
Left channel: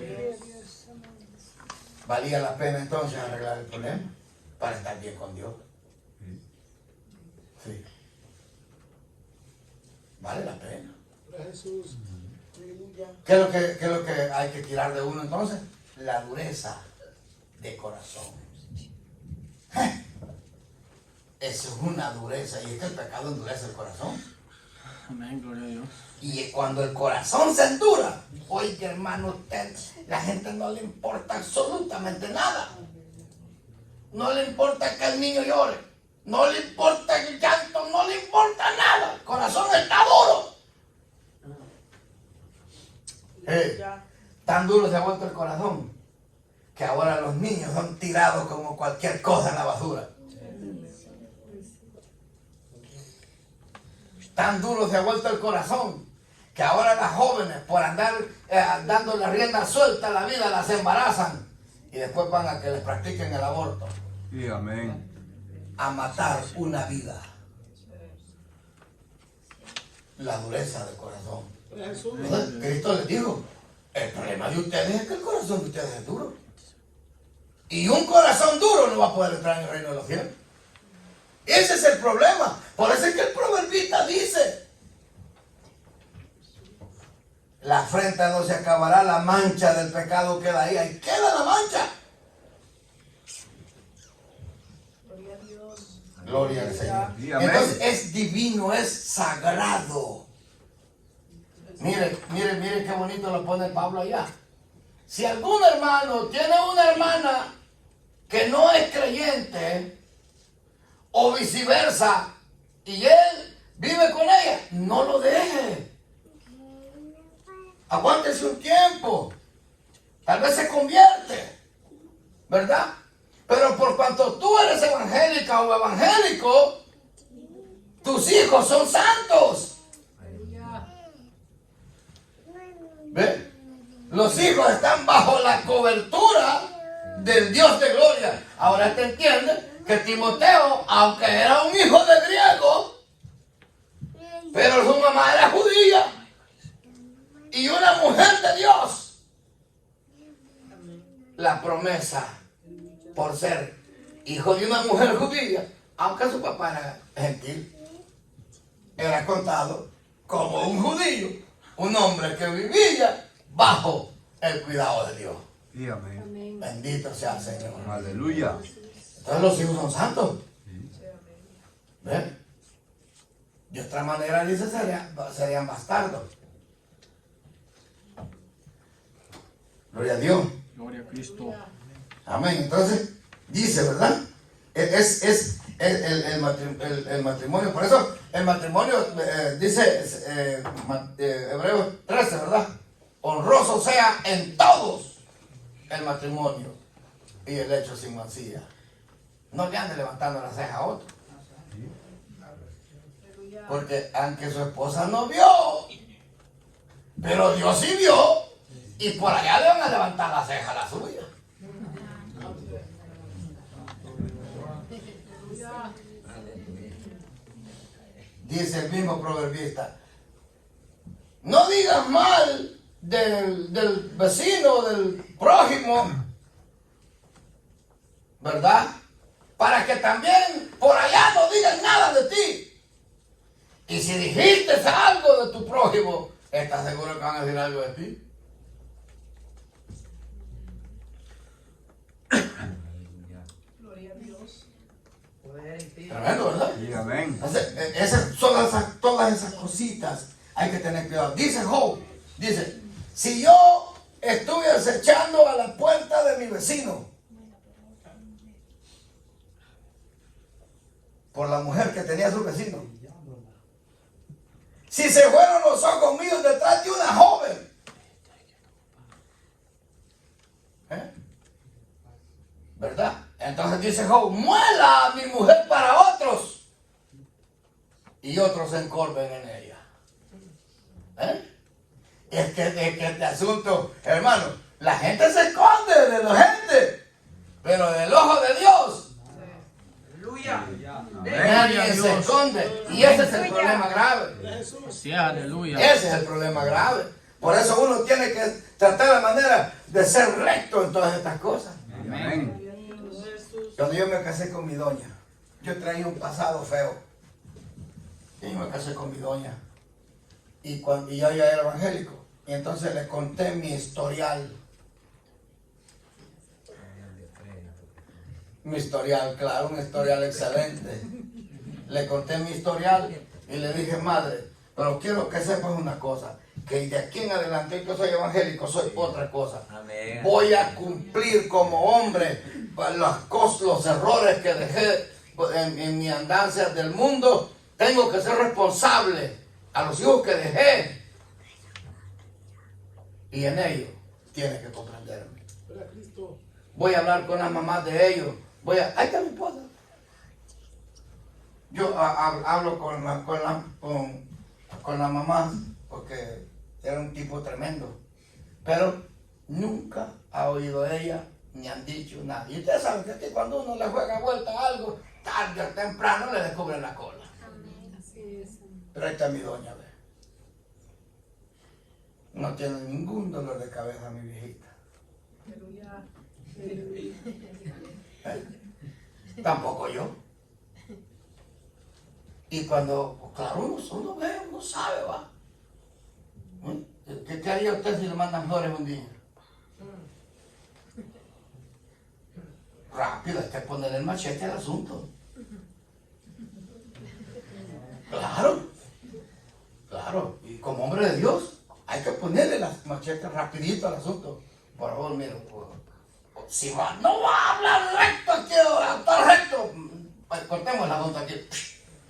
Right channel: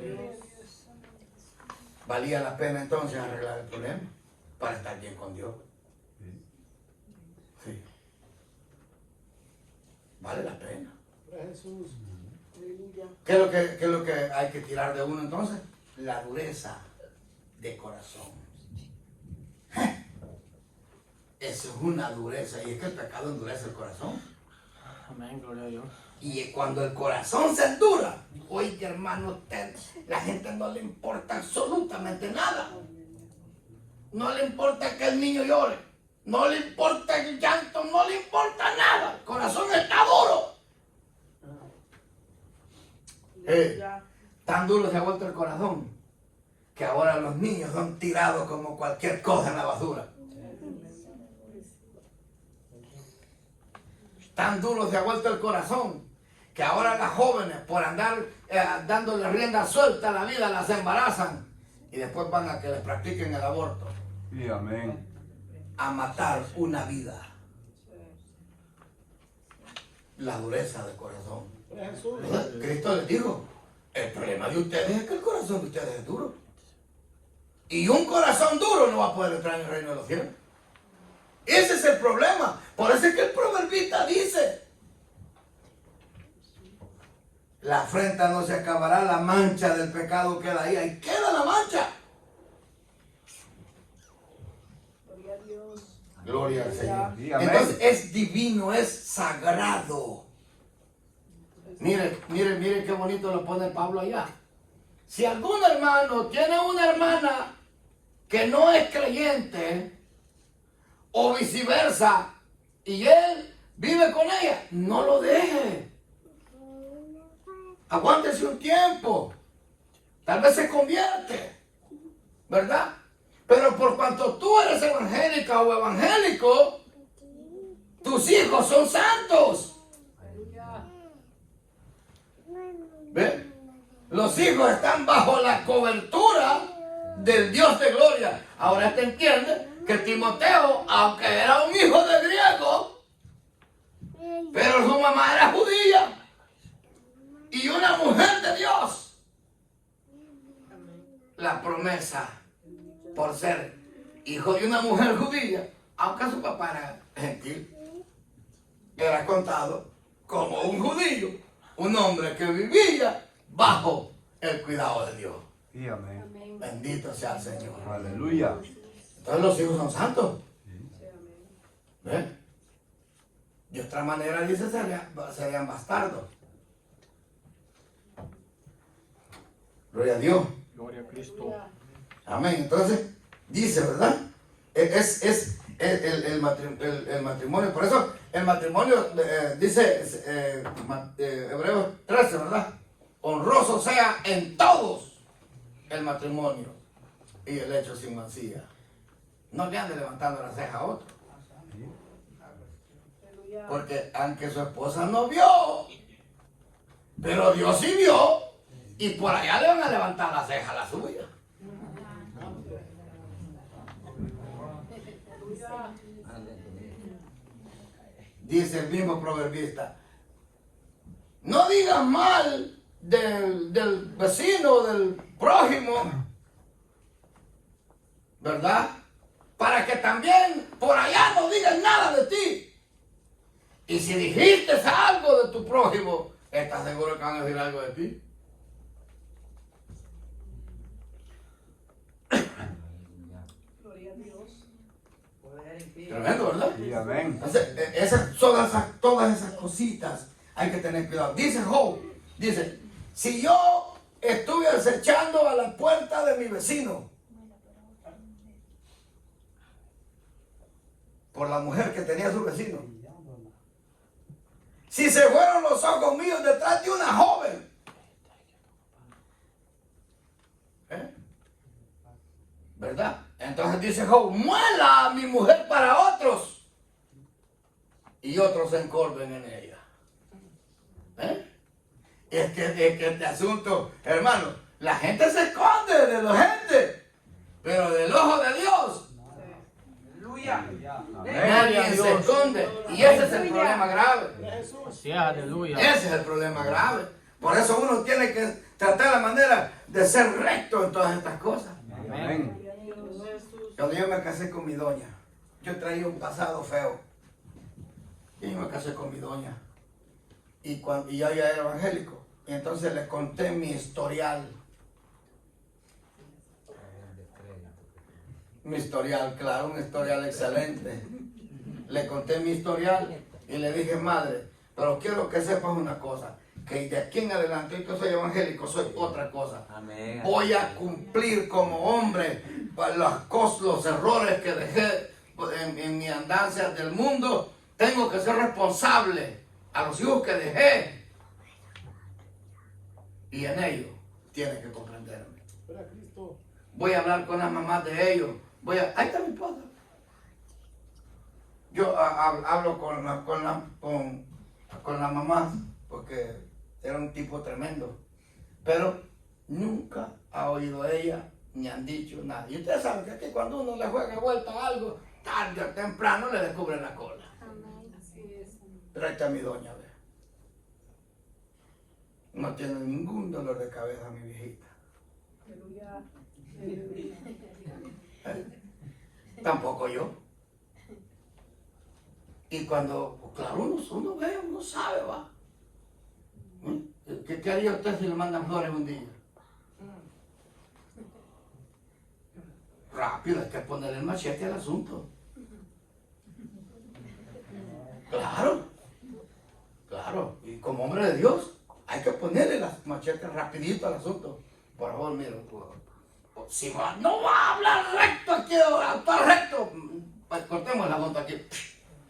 ¿Valía la pena entonces arreglar el problema para estar bien con Dios? Sí. Vale la pena. ¿Qué es lo que hay que tirar de uno entonces? La dureza de corazón. Eso es una dureza, y es que el pecado endurece el corazón. Amén, gloria a Dios. Y cuando el corazón se endura, oiga, hermano, usted, la gente no le importa absolutamente nada. No le importa que el niño llore, no le importa el llanto, no le importa nada. El corazón está duro. Tan duro se ha vuelto el corazón que ahora los niños son tirados como cualquier cosa en la basura. Tan duro se ha vuelto el corazón que ahora las jóvenes, por andar dando la rienda suelta a la vida, las embarazan y después van a que les practiquen el aborto. Sí, amén. A matar una vida. La dureza del corazón. Entonces, Cristo les dijo, el problema de ustedes es que el corazón de ustedes es duro. Y un corazón duro no va a poder entrar en el reino de los cielos. Ese es el problema. Por eso es que el proverbista dice, la afrenta no se acabará, la mancha del pecado queda ahí. Ahí queda la mancha. Gloria al Señor. Sí, amén. Entonces es divino, es sagrado. Mire qué bonito lo pone Pablo allá. Si algún hermano tiene una hermana que no es creyente o viceversa y él vive con ella, no lo deje. Aguántese un tiempo. Tal vez se convierte, ¿verdad? Pero por cuanto tú eres evangélica o evangélico, tus hijos son santos. ¿Ve? Los hijos están bajo la cobertura del Dios de gloria. Ahora te entiendes que Timoteo, aunque era un hijo de griego, pero su mamá era judía y una mujer de Dios. La promesa por ser hijo de una mujer judía, aunque su papá era gentil, era contado como un judío, un hombre que vivía bajo el cuidado de Dios. Sí, amén. Bendito sea el Señor. Aleluya. Entonces los hijos son santos. ¿Ven? De otra manera dice serían bastardos. Gloria a Dios. Gloria a Cristo. Amén. Entonces, dice, ¿verdad? Es el matrimonio. Por eso, el matrimonio, dice Hebreos 13, ¿verdad? Honroso sea en todos el matrimonio y el hecho sin mancilla. No le ande levantando la ceja a otro. Porque aunque su esposa no vio, pero Dios sí vio, y por allá le van a levantar la ceja a la suya. Dice el mismo proverbista, no digas mal del vecino, del prójimo, ¿verdad? Para que también por allá no digan nada de ti. Y si dijiste algo de tu prójimo, ¿estás seguro que van a decir algo de ti? Tremendo, ¿verdad? Sí, amén. Entonces, todas esas cositas hay que tener cuidado. Dice Job, dice, si yo estuve acechando a la puerta de mi vecino por la mujer que tenía su vecino, si se fueron los ojos míos detrás de una joven, ¿verdad? Entonces dice Job, muela a mi mujer para otros y otros se encorven en ella. Es que este asunto, hermano, la gente se esconde de la gente, pero del ojo de Dios nadie se esconde. Y ese es el problema grave. Así es, aleluya. Ese es el problema grave. Por eso uno tiene que tratar la manera de ser recto en todas estas cosas. Amén. Cuando yo me casé con mi doña, yo traía un pasado feo. Y yo me casé con mi doña. Y yo ya era evangélico. Y entonces le conté mi historial. Mi historial, claro, un historial excelente. Le conté mi historial y le dije, madre, pero quiero que sepas una cosa, que de aquí en adelante yo soy evangélico, soy otra cosa. Amén. Voy a cumplir como hombre los errores que dejé en mi andancia del mundo. Tengo que ser responsable a los hijos que dejé. Y en ellos tiene que comprenderme. Voy a hablar con las mamás de ellos. Ahí está mi esposa. Yo hablo con la mamá porque era un tipo tremendo. Pero nunca ha oído ella ni han dicho nada. Y ustedes saben que aquí cuando uno le juega vuelta a algo, tarde o temprano le descubren la cola. Pero ahí está mi doña, ve. No tiene ningún dolor de cabeza mi viejita. Tampoco yo. Y cuando, claro, uno ve, uno sabe, va. ¿Qué haría usted si le mandan flores un día? Rápido, hay que ponerle el machete al asunto. Claro, claro. Y como hombre de Dios, hay que ponerle las machetes rapidito al asunto. Por favor, mire, si no va a hablar recto aquí, autor recto, cortemos la nota aquí.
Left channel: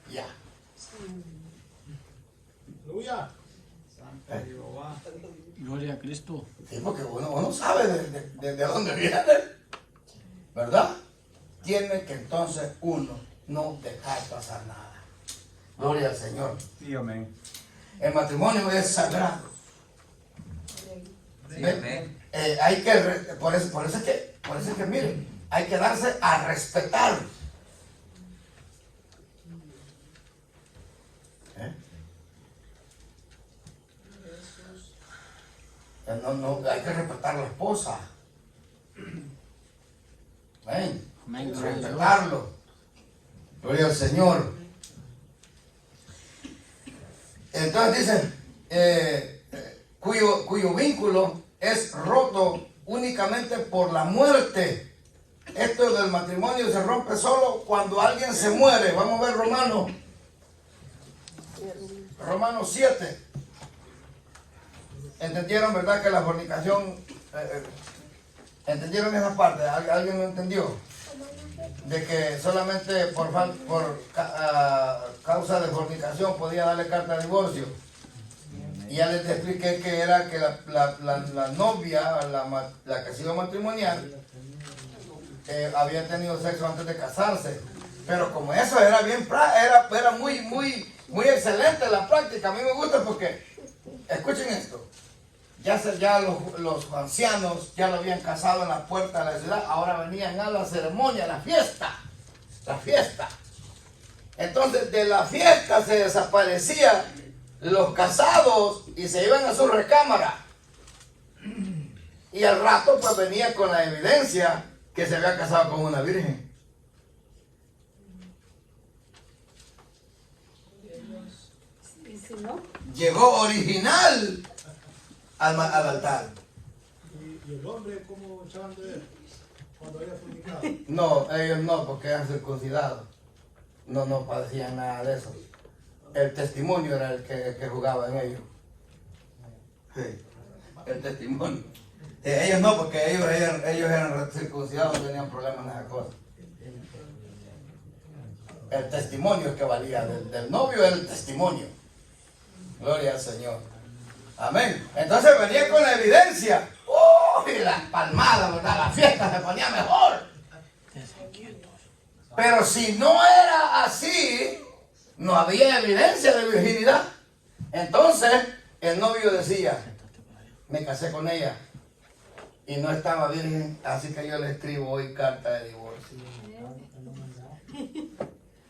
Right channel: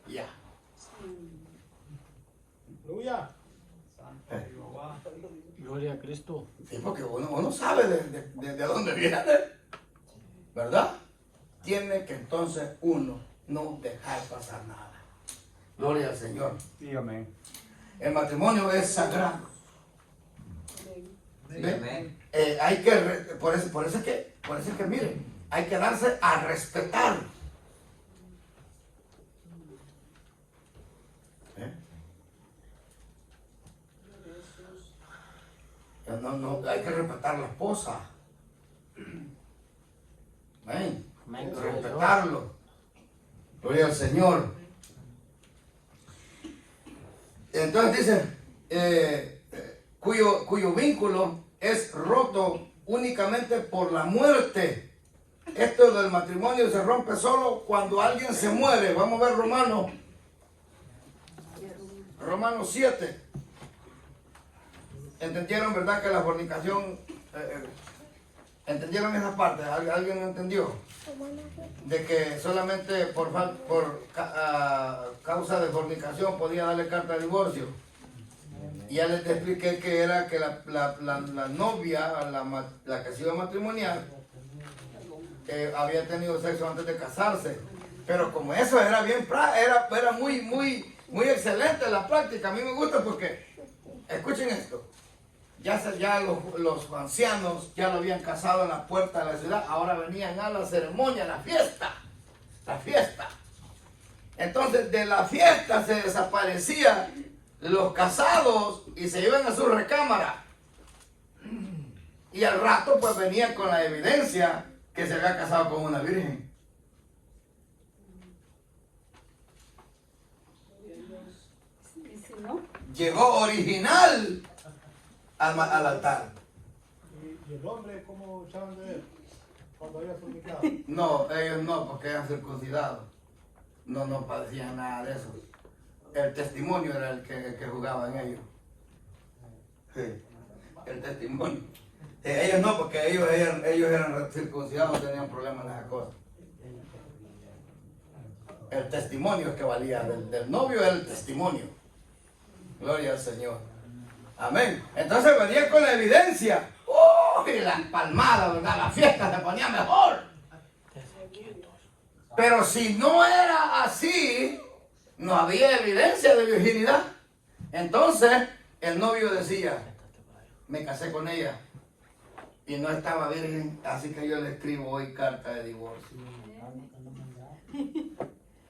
Ya. Aleluya. Gloria a Cristo. Sí, porque uno sabe de dónde viene, ¿verdad? Tiene que entonces uno no dejar pasar nada. Gloria al Señor. Sí, amén. El matrimonio es sagrado. Sí, amén. Hay que, por eso es que miren, hay que darse a respetar. No, hay que respetar a la esposa. Amén. Amén, gloria a Dios. Respetarlo. Gloria al Señor. Entonces dice, cuyo vínculo es roto únicamente por la muerte. Esto del matrimonio se rompe solo cuando alguien se muere. Vamos a ver Romanos 7. ¿Entendieron, verdad, que la fornicación, entendieron esa parte? ¿Alguien lo entendió? De que solamente por causa de fornicación podía darle carta de divorcio. Y ya les expliqué que era que la novia, la que se iba a matrimoniar, había tenido sexo antes de casarse. Pero como eso era era muy excelente la práctica. A mí me gusta porque, escuchen esto, ya los ancianos ya lo habían casado en la puerta de la ciudad, ahora venían a la ceremonia, la fiesta. Entonces de la fiesta se desaparecían los casados y se iban a su recámara. Y al rato pues venían con la evidencia que se había casado con una virgen. ¿Y si no? Llegó original al altar. ¿Y el hombre cómo saben de él? Cuando había fornicado. No, ellos no, porque eran circuncidados. No padecían nada de eso. El testimonio era el que jugaba en ellos. Sí, el testimonio. Ellos no, porque ellos eran circuncidados, no tenían problemas en esa cosa. El testimonio es que valía. Del novio era el testimonio. Gloria al Señor. Amén. Entonces venía con la evidencia. Y las palmadas, ¿verdad? La fiesta se ponía mejor. Pero si no era así, no había evidencia de virginidad. Entonces el novio decía, me casé con ella y no estaba virgen, así que yo le escribo hoy carta de divorcio.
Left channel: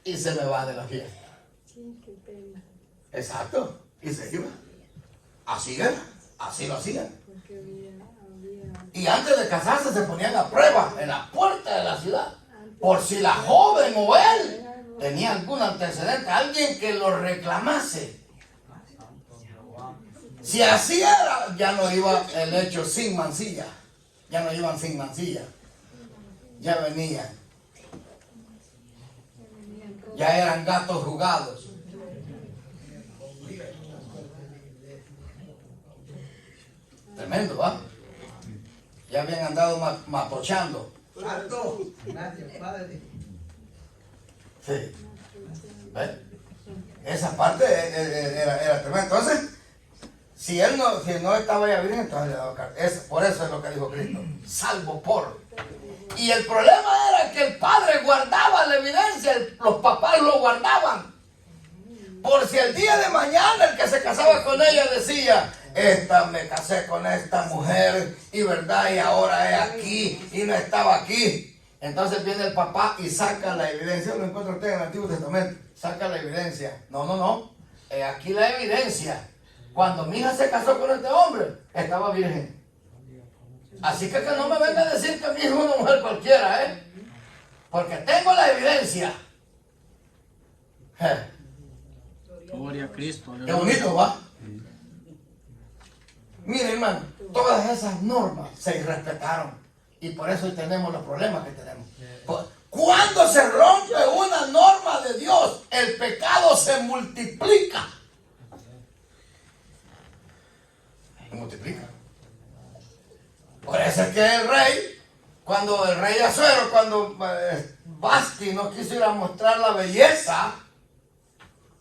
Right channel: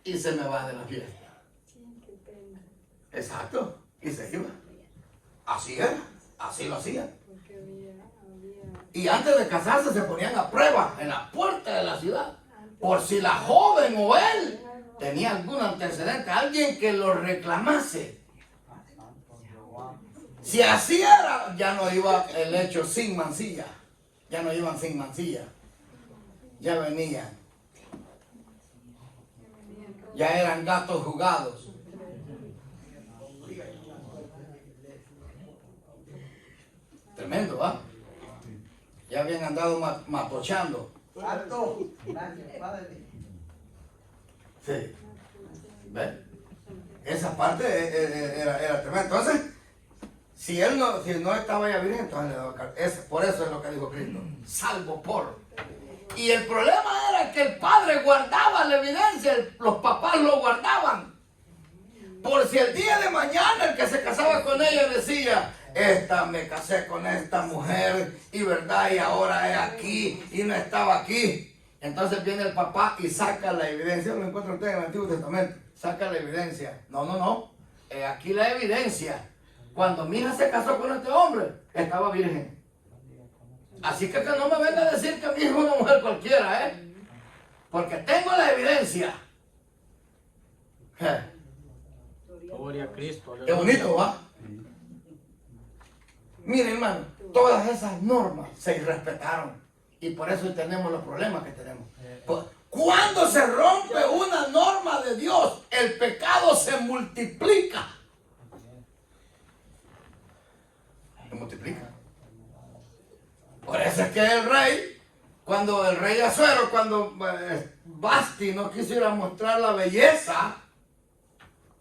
Y se me va de la fiesta. Exacto. Y se iba. Así era. Así lo hacían. Y antes de casarse se ponían a prueba en la puerta de la ciudad. Por si la joven o él tenía algún antecedente, alguien que lo reclamase. Si así era, ya no iba el hecho sin mancilla. Ya no iban sin mancilla. Ya venían. Ya eran gatos jugados. Tremendo, ¿va? Ya habían andado matochando. Santo. Gracias, Padre. Sí. ¿Ves? Esa parte era tremenda. Entonces, si no estaba ya virgen, entonces le daba carta. Por eso es lo que dijo Cristo. Salvo por. Y el problema era que el padre guardaba la evidencia, los papás lo guardaban. Por si el día de mañana el que se casaba con ella decía, me casé con esta mujer y verdad, y ahora es aquí y no estaba aquí. Entonces viene el papá y saca la evidencia, lo encuentra usted en el Antiguo Testamento, saca la evidencia. No, aquí la evidencia. Cuando mi hija se casó con este hombre, estaba virgen. Así que no me venga a decir que mi hija es una mujer cualquiera, porque tengo la evidencia. Gloria a Cristo. Qué bonito, ¿va? Mire, hermano, todas esas normas se respetaron y por eso tenemos los problemas que tenemos. Cuando se rompe una norma de Dios, el pecado se multiplica. Se multiplica. Por eso es que el rey, cuando el rey Asuero, cuando Basti no quiso ir a mostrar la belleza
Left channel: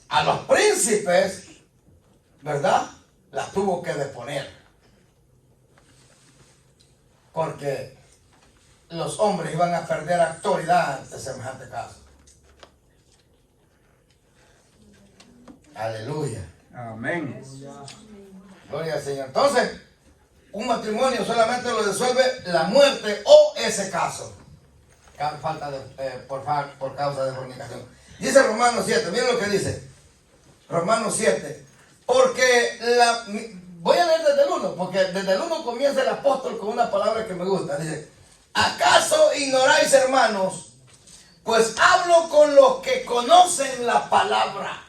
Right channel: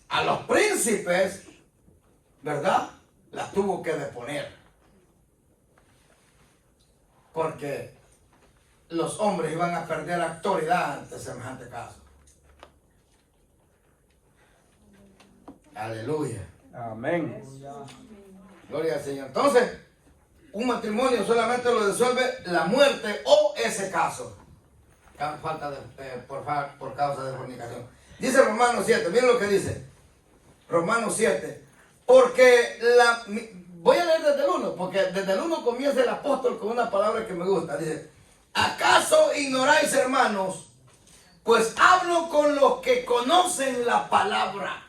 a los príncipes, ¿verdad? La tuvo que deponer. Porque los hombres iban a perder autoridad ante semejante caso. Aleluya. Amén. Gloria al Señor. Entonces, un matrimonio solamente lo disuelve la muerte o ese caso. Falta de, por causa de fornicación. Dice Romanos 7, miren lo que dice. Romanos 7. Porque voy a leer desde el 1, porque desde el 1 comienza el apóstol con una palabra que me gusta. Dice, ¿acaso ignoráis, hermanos? Pues hablo con los que conocen la palabra.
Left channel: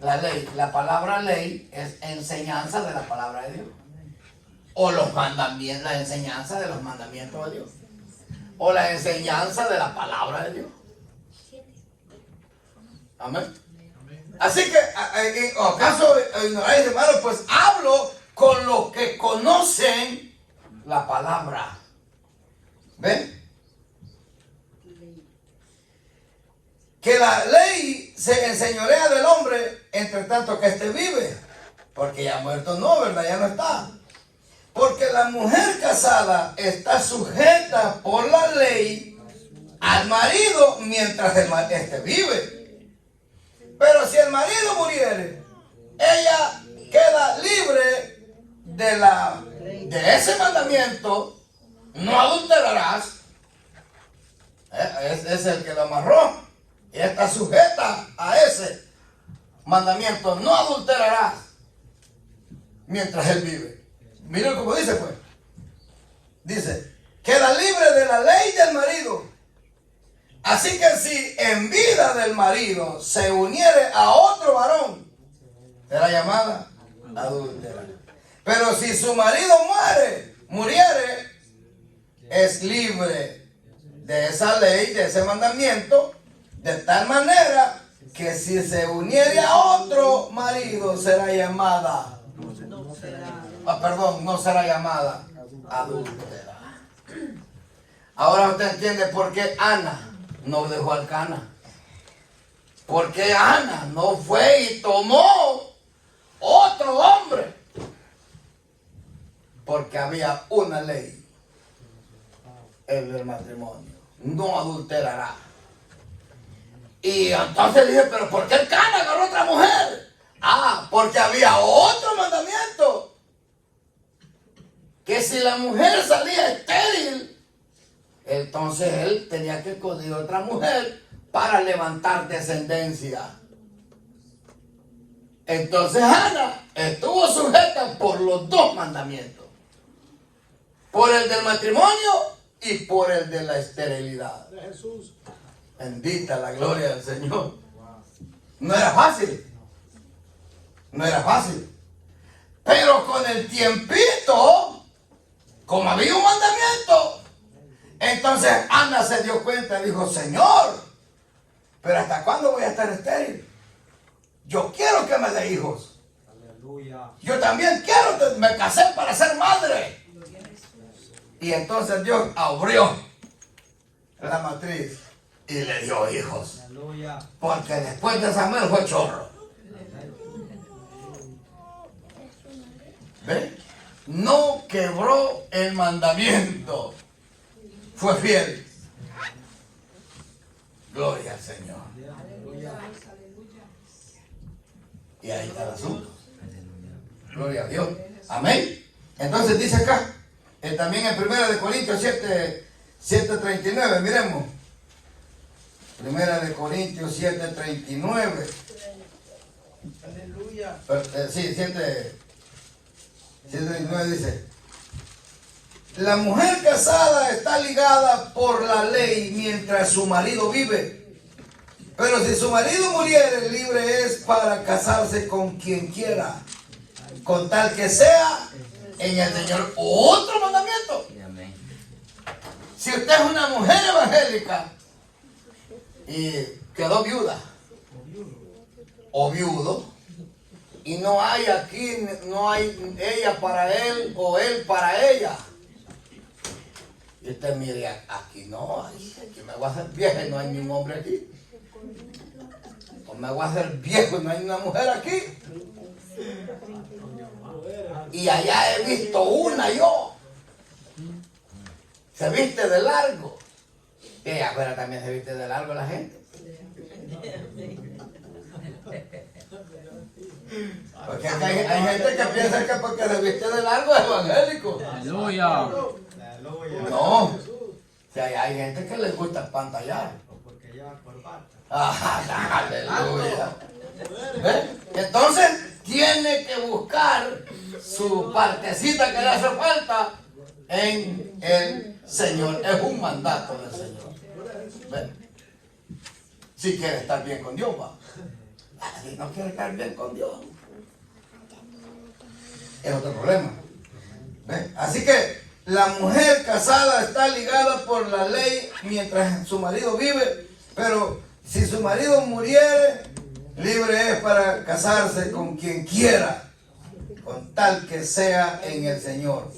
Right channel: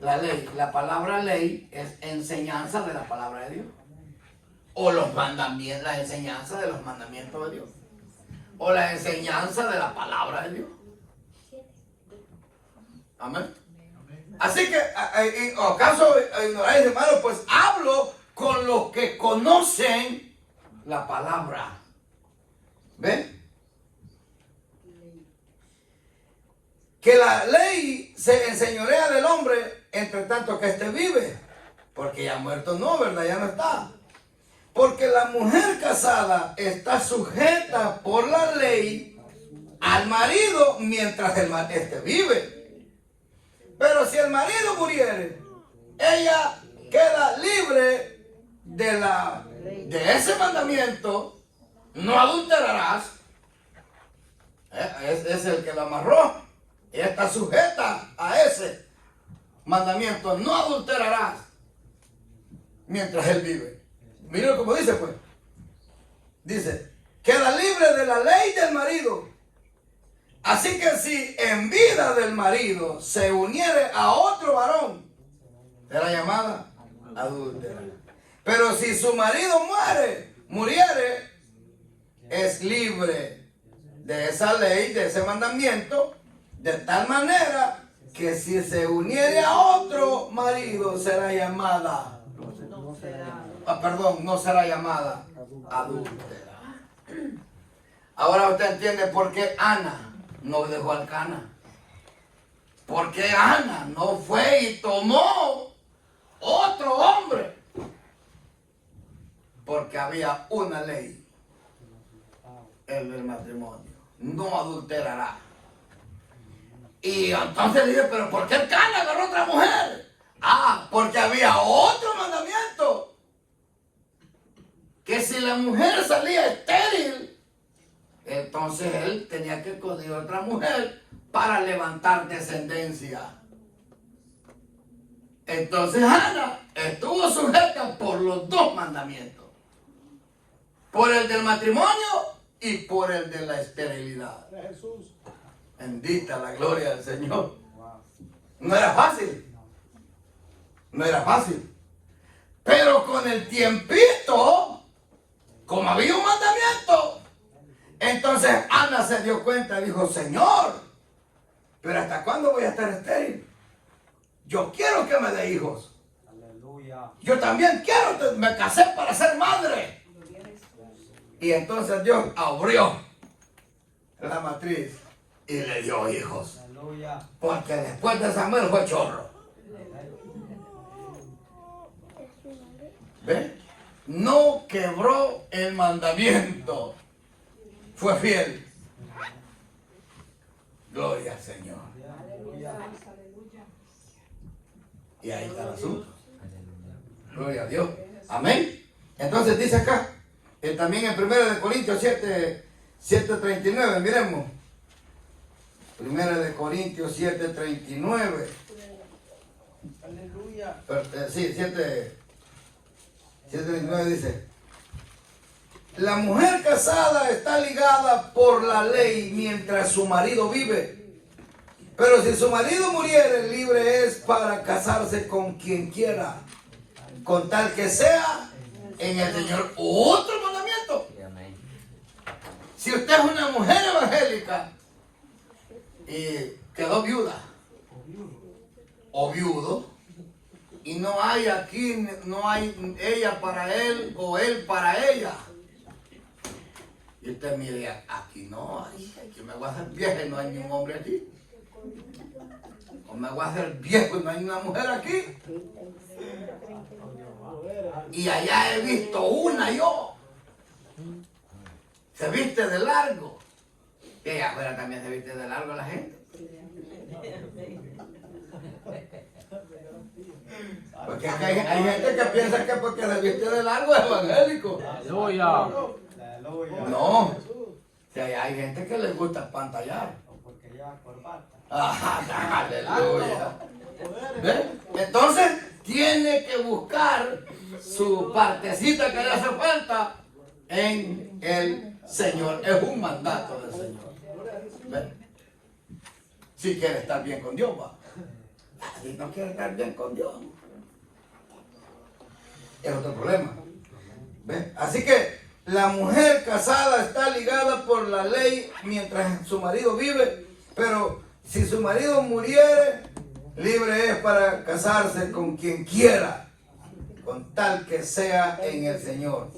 La ley, la palabra ley es enseñanza de la palabra de Dios. O los mandamientos, la enseñanza de los mandamientos de Dios. O la enseñanza de la palabra de Dios. Amén. Así que, ¿acaso ignoráis, hermanos? Pues hablo con los que conocen la palabra. ¿Ven? Que la ley se enseñorea del hombre entre tanto que éste vive. Porque ya muerto no, ¿verdad? Ya no está. Porque la mujer casada está sujeta por la ley al marido mientras éste vive. Pero si el marido muriere, ella queda libre de ese mandamiento, no adulterarás. Es el que la amarró. Y está sujeta a ese mandamiento, no adulterarás mientras él vive. Miren cómo dice pues. Dice, queda libre de la ley del marido. Así que si en vida del marido se uniere a otro varón, será llamada adúltera. Pero si su marido muriere, es libre de esa ley, de ese mandamiento, de tal manera que si se uniere a otro marido será llamada, no será llamada adúltera. Ahora usted entiende por qué Ana no dejó al Cana. ¿Por qué Ana no fue y tomó otro hombre? Porque había una ley, el del matrimonio, no adulterará. Y entonces dije, pero ¿por qué el Cana agarró otra mujer? Porque había otro mandamiento. Que si la mujer salía estéril, entonces él tenía que conseguir otra mujer para levantar descendencia. Entonces Ana estuvo sujeta por los dos mandamientos. Por el del matrimonio y por el de la esterilidad. Jesús. Bendita la gloria del Señor. No era fácil. No era fácil. Pero con el tiempito, como había un mandamiento, entonces Ana se dio cuenta y dijo, Señor, pero ¿hasta cuándo voy a estar estéril? Yo quiero que me dé hijos. Aleluya. Yo también quiero, me casé para ser madre. Y entonces Dios abrió la matriz y le dio hijos. Aleluya. Porque después de Samuel fue chorro. ¿Ven? No quebró el mandamiento. Fue fiel. Gloria al Señor. Y ahí está el asunto. Gloria a Dios. Amén. Entonces dice acá, también en 1 Corintios 7:39, miremos. 1 Corintios 7:39. Aleluya. Sí, 7:39 dice, la mujer casada está ligada por la ley mientras su marido vive. Pero si su marido muriere, libre es para casarse con quien quiera, con tal que sea en el Señor otro mandamiento. Si usted es una mujer evangélica y quedó viuda o viudo y no hay aquí, no hay ella para él o él para ella, y usted mire, aquí no hay, aquí me voy a hacer vieja y no hay ni un hombre aquí, o me voy a hacer viejo y no hay una mujer aquí, y allá he visto una yo, se viste de largo, y allá afuera también se viste de largo la gente. Porque hay gente que piensa que porque se viste de largo es evangélico. Aleluya. No. O sea, hay gente que les gusta pantallar. Porque llevan corbata. Ah, aleluya. ¿Ve? Entonces tiene que buscar su partecita que le hace falta en el Señor. Es un mandato del Señor. ¿Ve? Si quiere estar bien con Dios, va. Si no quiere estar bien con Dios, es otro problema. ¿Ve? Así que la mujer casada está ligada por la ley mientras su marido vive, pero si su marido muriere, libre es para casarse con quien quiera, con tal que sea en el Señor.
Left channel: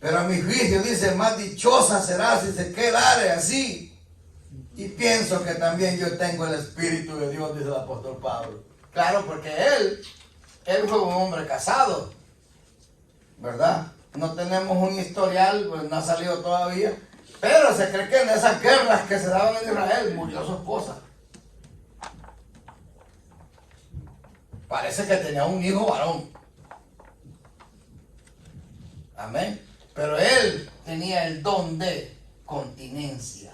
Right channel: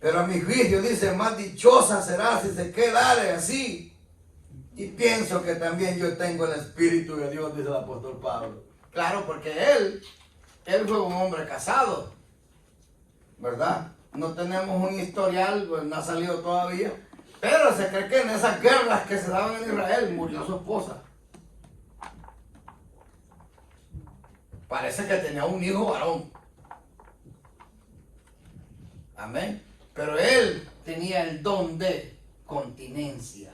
Pero a mi juicio dice, más dichosa será si se quedare así. Y pienso que también yo tengo el Espíritu de Dios, dice el apóstol Pablo. Claro, porque él fue un hombre casado, ¿verdad? No tenemos un historial, pues no ha salido todavía, pero se cree que en esas guerras que se daban en Israel murió su esposa. Parece que tenía un hijo varón. Amén. Pero él tenía el don de continencia.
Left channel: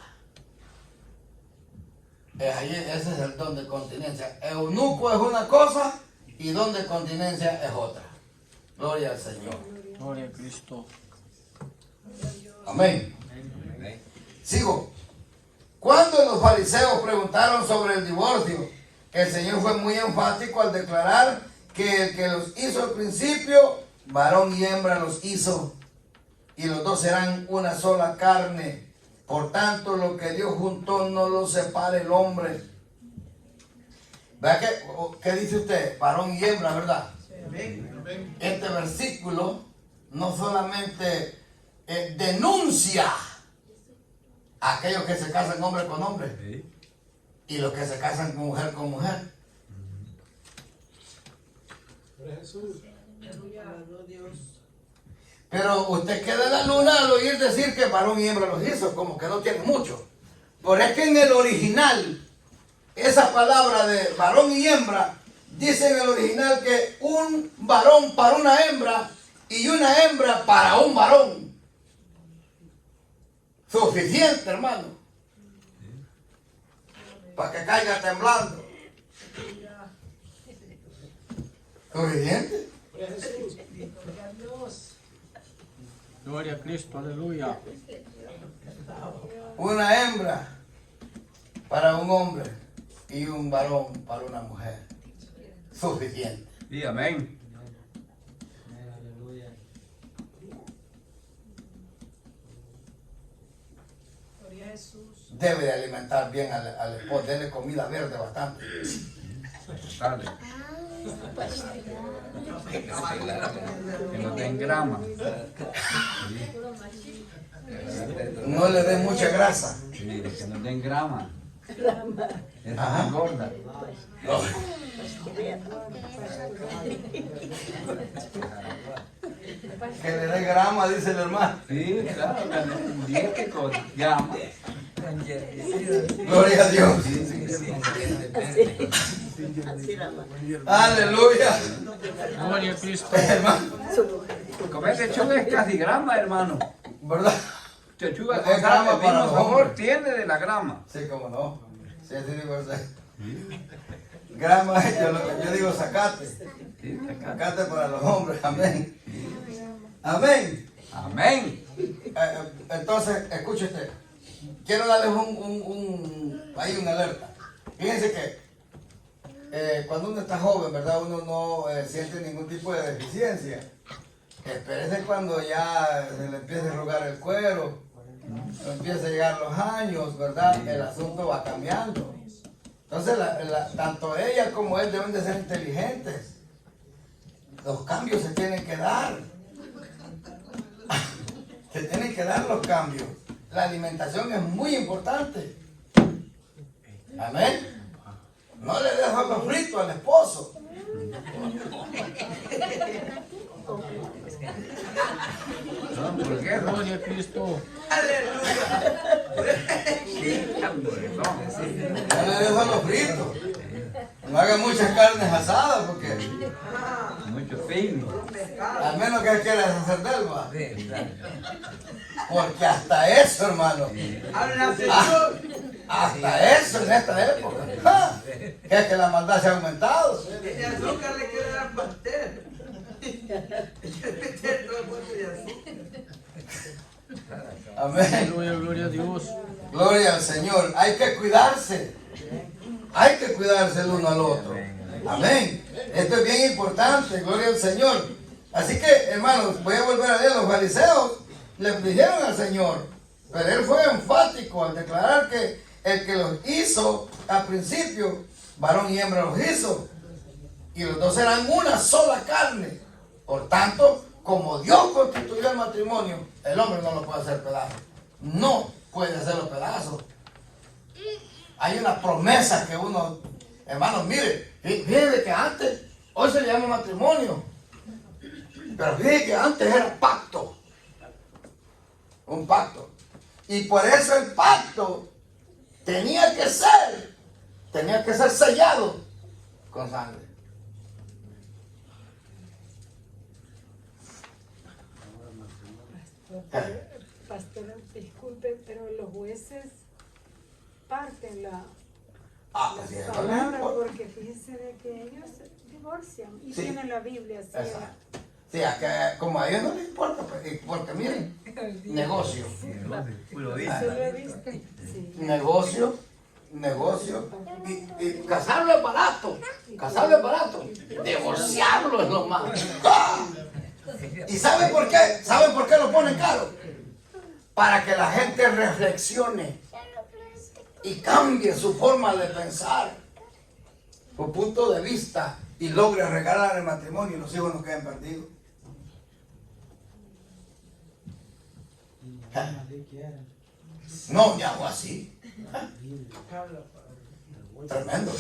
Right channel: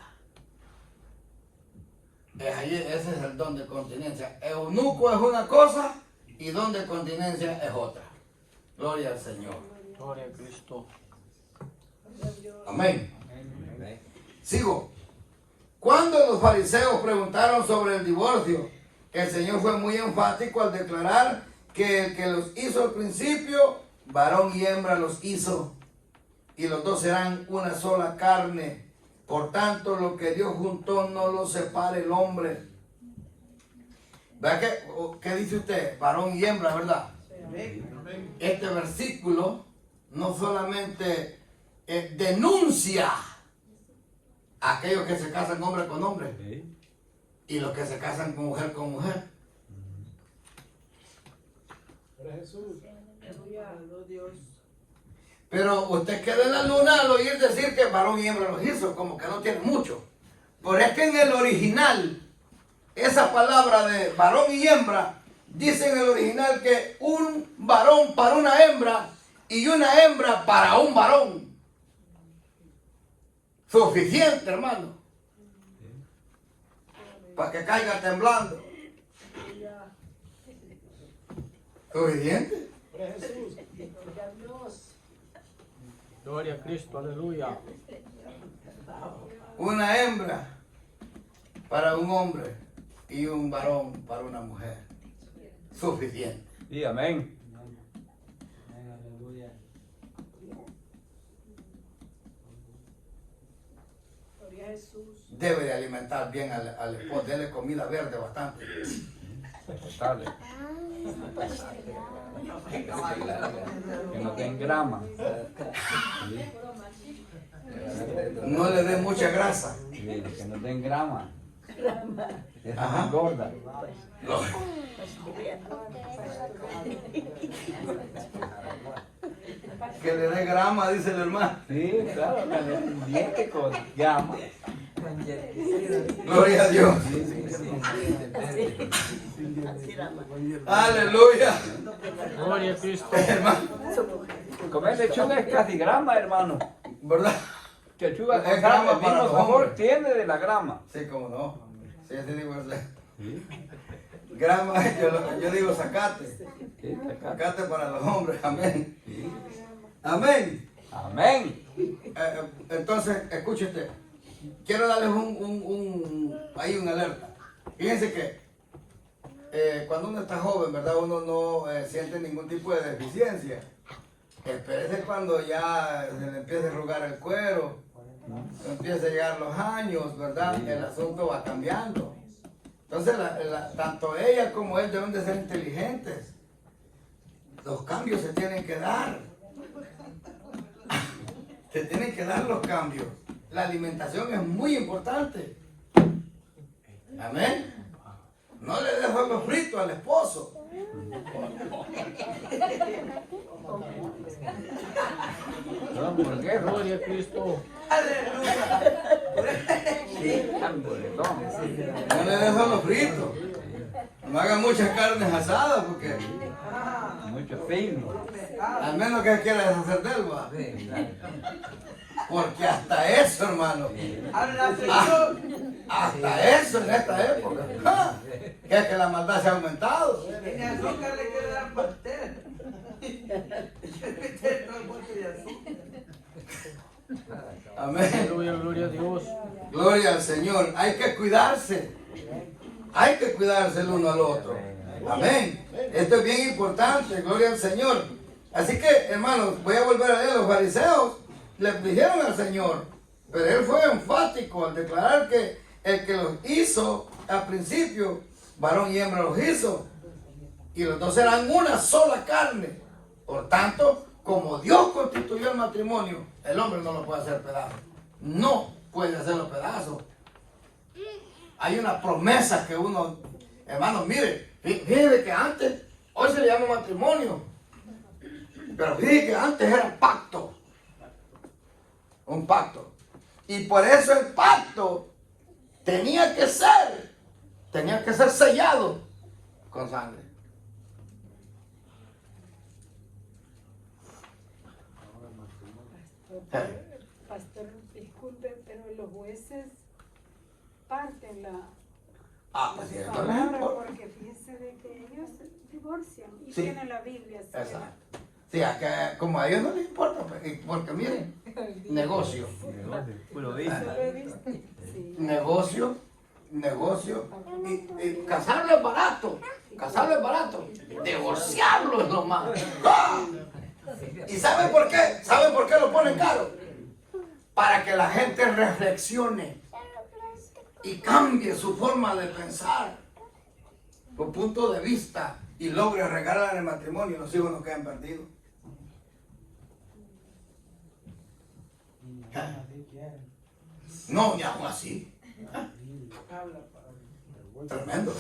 Ese es el don de continencia. Eunuco es una cosa y don de continencia es otra. Gloria al Señor. Gloria a Cristo. Amén. Sigo. Cuando los fariseos preguntaron sobre el divorcio, el Señor fue muy enfático al declarar que el que los hizo al principio, varón y hembra los hizo, y los dos serán una sola carne. Por tanto, lo que Dios juntó no lo separe el hombre. ¿Vea qué dice usted? Varón y hembra, ¿verdad? Este versículo no solamente denuncia a aquellos que se casan hombre con hombre y los que se casan con mujer. Pero usted queda en la luna al oír decir que varón y hembra los hizo, como que no tiene mucho. Por es que en el original, esa palabra de varón y hembra, dice en el original que un varón para una hembra y una hembra para un varón. Suficiente, hermano. Para que caiga temblando. Suficiente. Gloria a Cristo. Aleluya. Una hembra para un hombre y un varón para una mujer. Suficiente. Sí, amén. Debe de alimentar bien al esposo, denle comida verde bastante. Dale. Que no den grama. No le dé mucha grasa. Sí, que no den grama. Esa Ajá. es engorda. Que le dé grama, dice el hermano. Sí, claro, que den diente con grama. Gloria a Dios. Aleluya. Gloria a Cristo. Hermano, Comer lechuga es casi grama, hermano. ¿verdad? Lechuga Es con grama grama, el para mismo los sabor hombres. tiene de la grama. Sí, cómo no. Sí, así digo. Grama, yo digo zacate. Sí, acá. Zacate para los hombres. Amén. Amén. Amén. Entonces, escúchate. Quiero darles ahí una alerta. Fíjense que cuando uno está joven, ¿verdad? Uno no siente ningún tipo de deficiencia. Espérese cuando ya se le empiece a arrugar el cuero, empieza a llegar los años, ¿verdad? El asunto va cambiando. Entonces, tanto ella como él deben de ser inteligentes. Los cambios se tienen que dar. Se tienen que dar los cambios. La alimentación es muy importante. Amén. No le dejo los fritos al esposo. Hamburguesa. Gloria a Cristo. Sí, hamburguesón, sí. No le dejo los fritos. No hagan muchas carnes asadas porque Mucho pino. al menos que quiera hacer del va. Sí, exacto. Porque hasta eso, hermano. Hasta eso en esta época. ¡Ja! Que es que la maldad se ha aumentado. Tiene azúcar, le quiere dar pastel. Quiere meter todo el bote de azúcar. Amén. Aleluya, gloria a Dios. Gloria al Señor. Hay que cuidarse. Hay que cuidarse el uno al otro. Amén. Esto es bien importante. Gloria al Señor. Así que, hermanos, voy a volver a leer. Los fariseos le dijeron al Señor, pero él fue enfático al declarar que el que los hizo al principio, varón y hembra los hizo, y los dos eran una sola carne. Por tanto, como Dios constituyó el matrimonio, el hombre no lo puede hacer pedazos. No puede hacerlo pedazos. Hay una promesa que uno, hermanos, mire, fíjese que antes, hoy se llama matrimonio, pero fíjese que antes era pacto. Un pacto. Y por eso el pacto tenía que ser sellado con sangre. Pastor, disculpe, pero los jueces parten la Sí, es palabra verdad. porque fíjense de que ellos divorcian y Sí. tienen la Biblia así. Exacto. Sí, como a ellos no les importa, porque miren, negocio, Puro ¿Se dice. lo he visto? Sí. negocio, y casarlo es barato, divorciarlo es lo más. ¡Ah! ¿Y saben por qué? ¿Saben por qué lo ponen caro? Para que la gente reflexione y cambie su forma de pensar, su punto de vista, y logre regalar el matrimonio y los hijos no queden perdidos. No, ya fue así. Tremendo.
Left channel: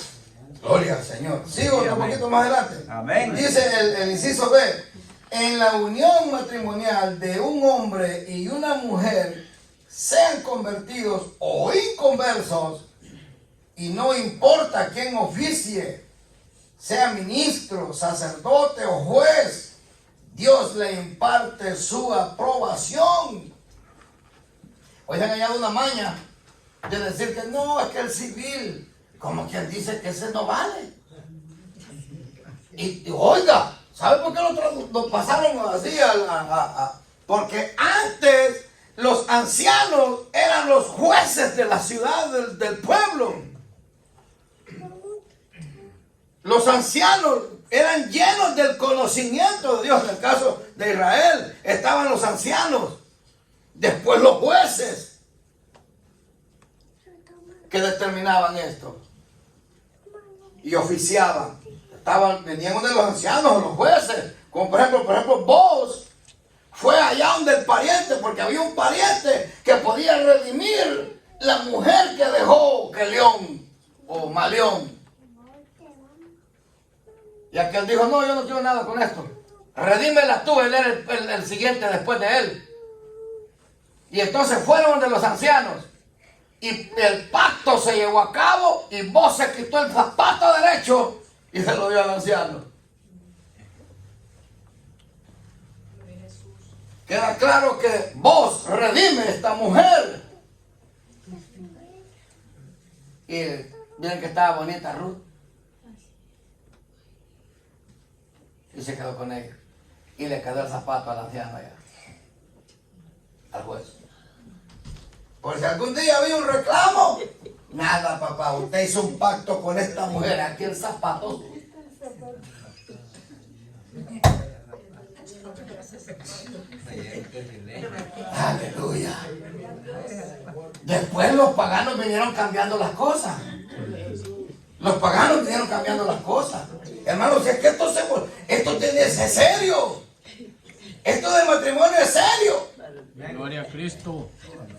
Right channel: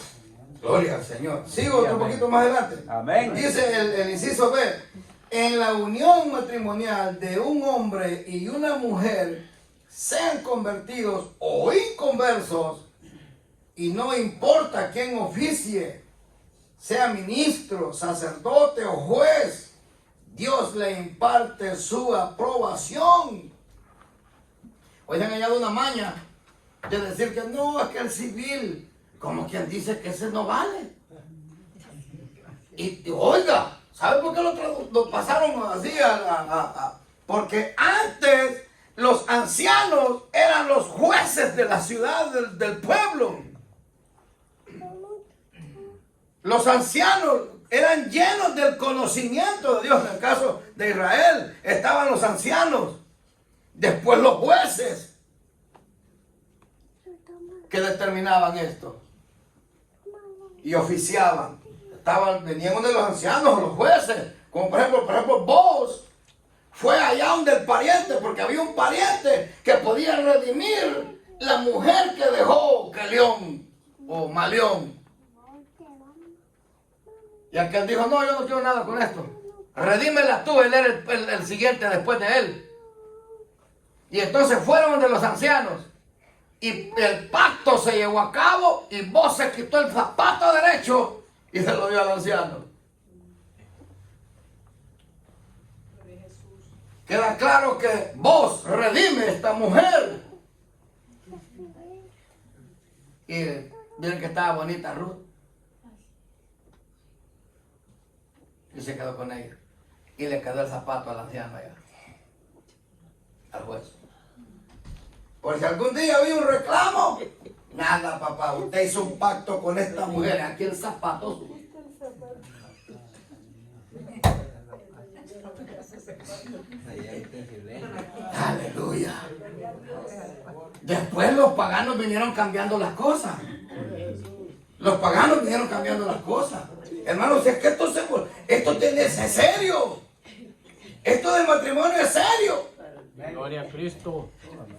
Gloria al Señor. Sigo un poquito más adelante. Amén. Dice el inciso B. En la unión matrimonial de un hombre y una mujer, sean convertidos o inconversos, y no importa quién oficie, sea ministro, sacerdote o juez, Dios le imparte su aprobación. Hoy se han hallado una maña de decir que no, es que el civil, como quien dice que ese no vale. Y oiga, ¿sabe por qué lo pasaron así? Porque antes los ancianos eran los jueces de la ciudad, del pueblo. Los ancianos eran llenos del conocimiento de Dios. En el caso de Israel estaban los ancianos, después los jueces que determinaban esto y oficiaban. Venían uno de los ancianos o los jueces, como por ejemplo vos fue allá donde el pariente, porque había un pariente que podía redimir la mujer que dejó Kelión o Malión. Y aquel dijo, no, yo no quiero nada con esto. Redímela tú, él era el siguiente después de él. Y entonces fueron de los ancianos. Y el pacto se llevó a cabo y vos se quitó el zapato derecho y se lo dio al anciano. Queda claro que vos redime esta mujer. Y miren que estaba bonita Ruth. Y se quedó con ella. Y le quedó el zapato al anciano allá. Al juez. Por si algún día había un reclamo. Nada, papá. Usted hizo un pacto con esta mujer. Aquí el zapato. Aleluya. Después los paganos vinieron cambiando las cosas. Los paganos vinieron cambiando las cosas. Hermanos, si es que esto es serio. Esto del matrimonio es serio. Gloria a Cristo.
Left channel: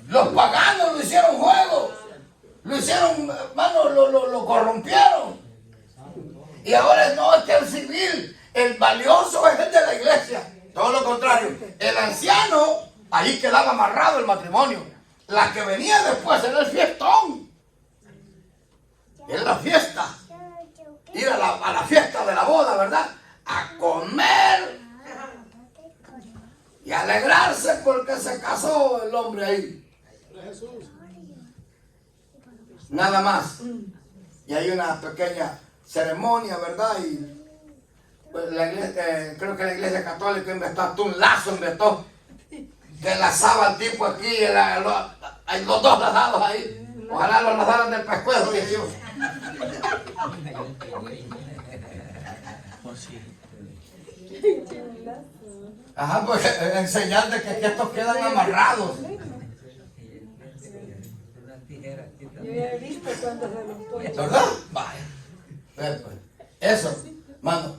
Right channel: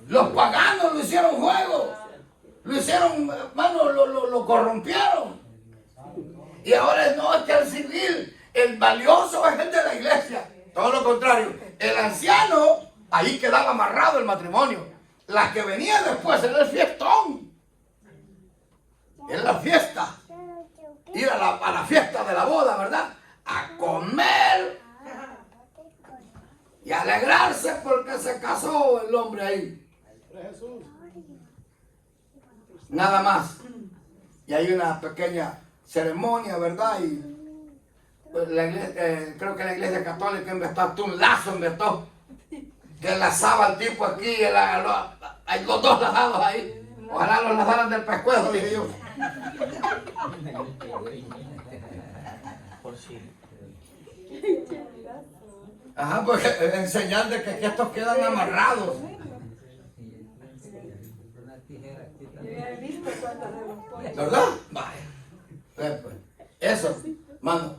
Los paganos lo hicieron juego. Lo hicieron, hermano, lo corrompieron. Y ahora no, es que el civil, el valioso es el de la iglesia. Todo lo contrario. El anciano, ahí quedaba amarrado el matrimonio. La que venía después era el fiestón. Era la fiesta. Ir a la fiesta de la boda, ¿verdad? A comer y alegrarse porque se casó el hombre ahí. Nada más. Y hay una pequeña ceremonia, ¿verdad? Y pues, la iglesia, creo que la iglesia católica inventó hasta un lazo, que enlazaba al tipo aquí, hay los dos lazados ahí. Ojalá los lazaron del pescuezo, dije yo. Por si. Ajá, pues en señal de que estos quedan amarrados. Yo ya he visto cuántos de los puestos. ¿Verdad? Vaya. Pues, eso, mano,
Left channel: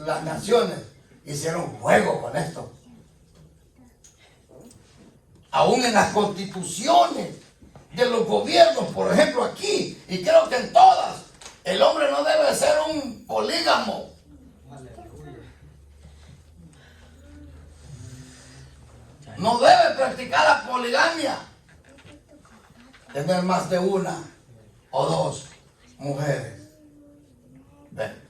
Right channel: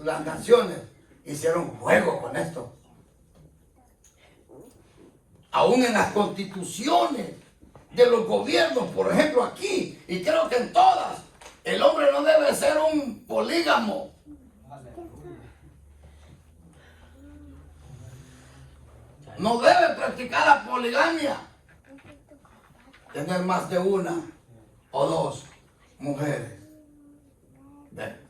las naciones hicieron juego con esto. Aún en las constituciones de los gobiernos, por ejemplo aquí, y creo que en todas, el hombre no debe ser un polígamo. No debe practicar la poligamia. Tener más de una o dos mujeres. Ven.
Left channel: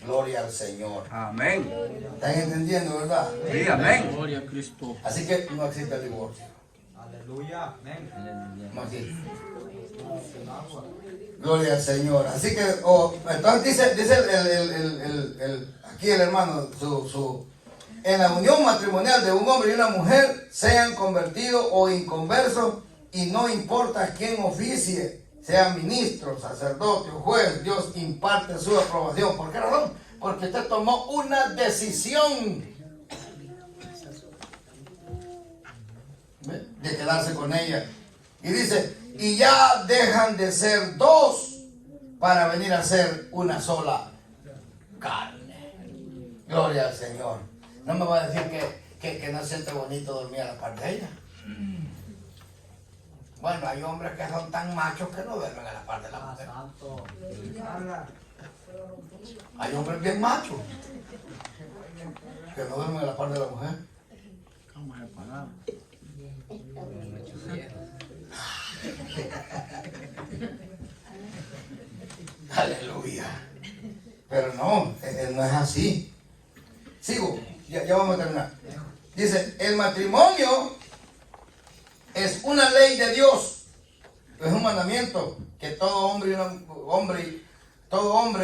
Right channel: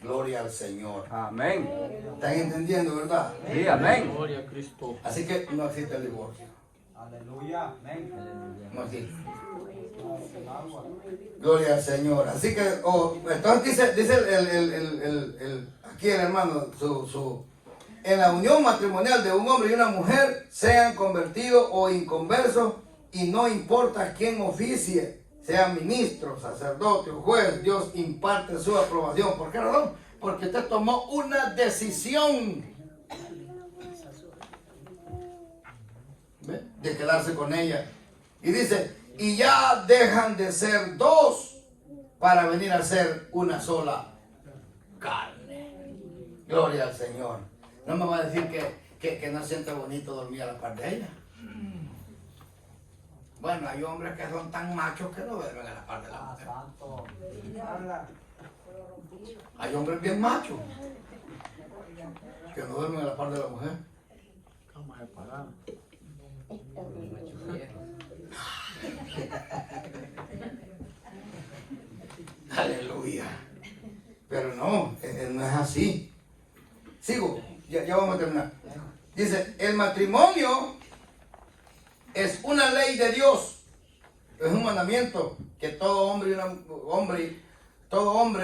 Gloria al Señor. Amén. ¿Están entendiendo, verdad? Sí, amén. Gloria a Cristo. Así que no existe el divorcio. Aleluya. Amén. No existe. Gloria al Señor. Así que, entonces dice aquí el hermano, en la unión matrimonial de un hombre y una mujer, sean convertidos o inconversos, y no importa quién oficie, sea ministro, sacerdote o juez, Dios imparte su aprobación. ¿Por qué razón? Porque usted tomó una decisión de quedarse con ella. Y dice, y ya dejan de ser dos para venir a ser una sola carne. Gloria al Señor. No me va a decir que no siente bonito dormir a la par de ella. Bueno, hay hombres que son tan machos que no duermen a la par de la mujer. Hay hombres bien machos que no duermen a la par de la mujer. Cama separada. Aleluya. Pero no, no es así. Sigo, ya vamos a terminar. Dice, el matrimonio es una ley de Dios. Es un mandamiento que todo hombre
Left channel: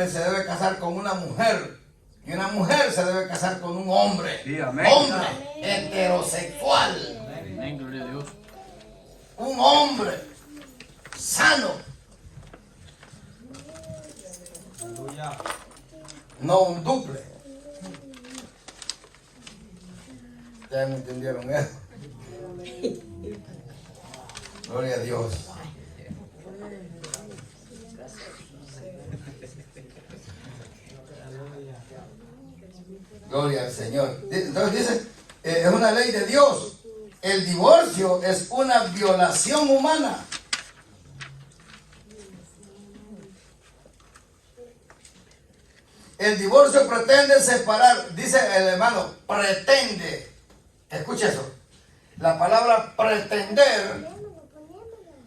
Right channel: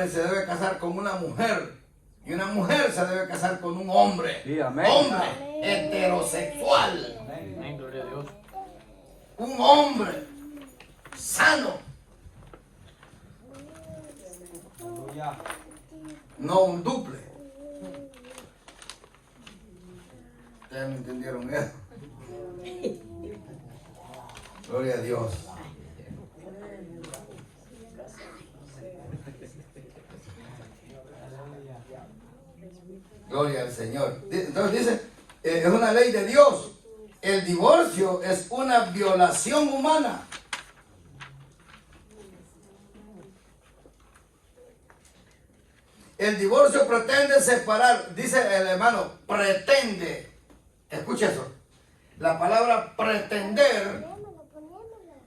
se debe casar con una mujer. Y una mujer se debe casar con un hombre. Sí, amén. Hombre heterosexual. Amén, gloria a Dios. Un hombre sano. No un duple. Ustedes no entendieron eso. Gloria a Dios. Gloria al Señor. Entonces dice, es una ley de Dios. El divorcio es una violación humana. El divorcio pretende separar, dice el hermano, pretende. Escucha eso. La palabra pretender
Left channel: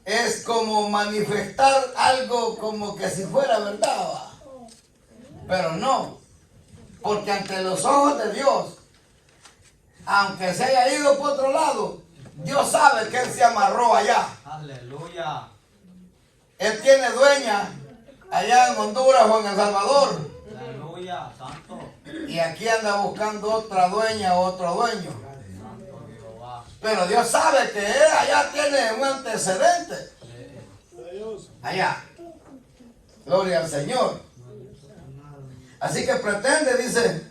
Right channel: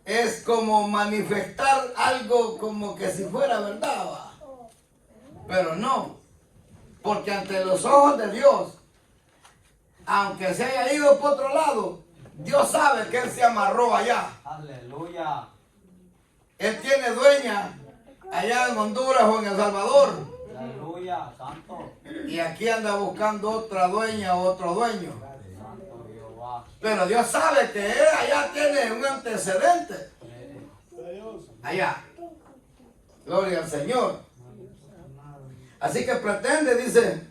es como manifestar algo como que si fuera verdad, ¿va? Pero no. Porque ante los ojos de Dios, aunque se haya ido por otro lado, Dios sabe que Él se amarró allá. Aleluya. Él tiene dueña allá en Honduras o en El Salvador. Aleluya, santo. Y aquí anda buscando otra dueña o otro dueño. Pero Dios sabe que Él allá tiene un antecedente. Allá. Gloria al Señor. Así que pretende, dice,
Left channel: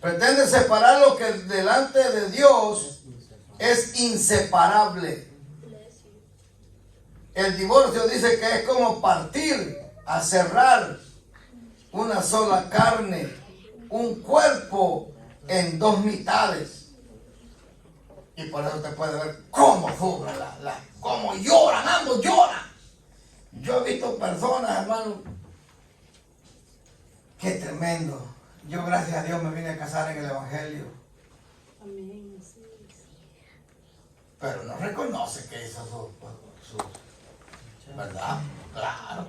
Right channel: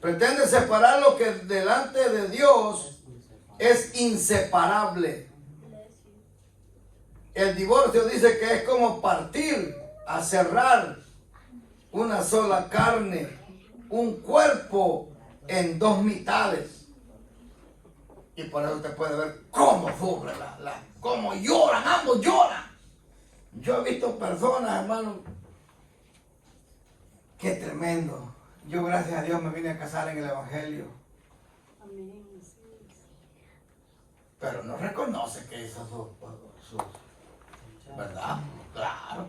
Pretende separar lo que delante de Dios es inseparable. El divorcio dice que es como partir, a cerrar una sola carne, un cuerpo en dos mitades. Y por eso usted puede ver cómo sufre, cómo lloran, ambos lloran. Yo he visto personas, hermano, qué tremendo. Yo, gracias a Dios, me vine a casar en el Evangelio. Pero no reconoce que hizo su ¿verdad? Claro.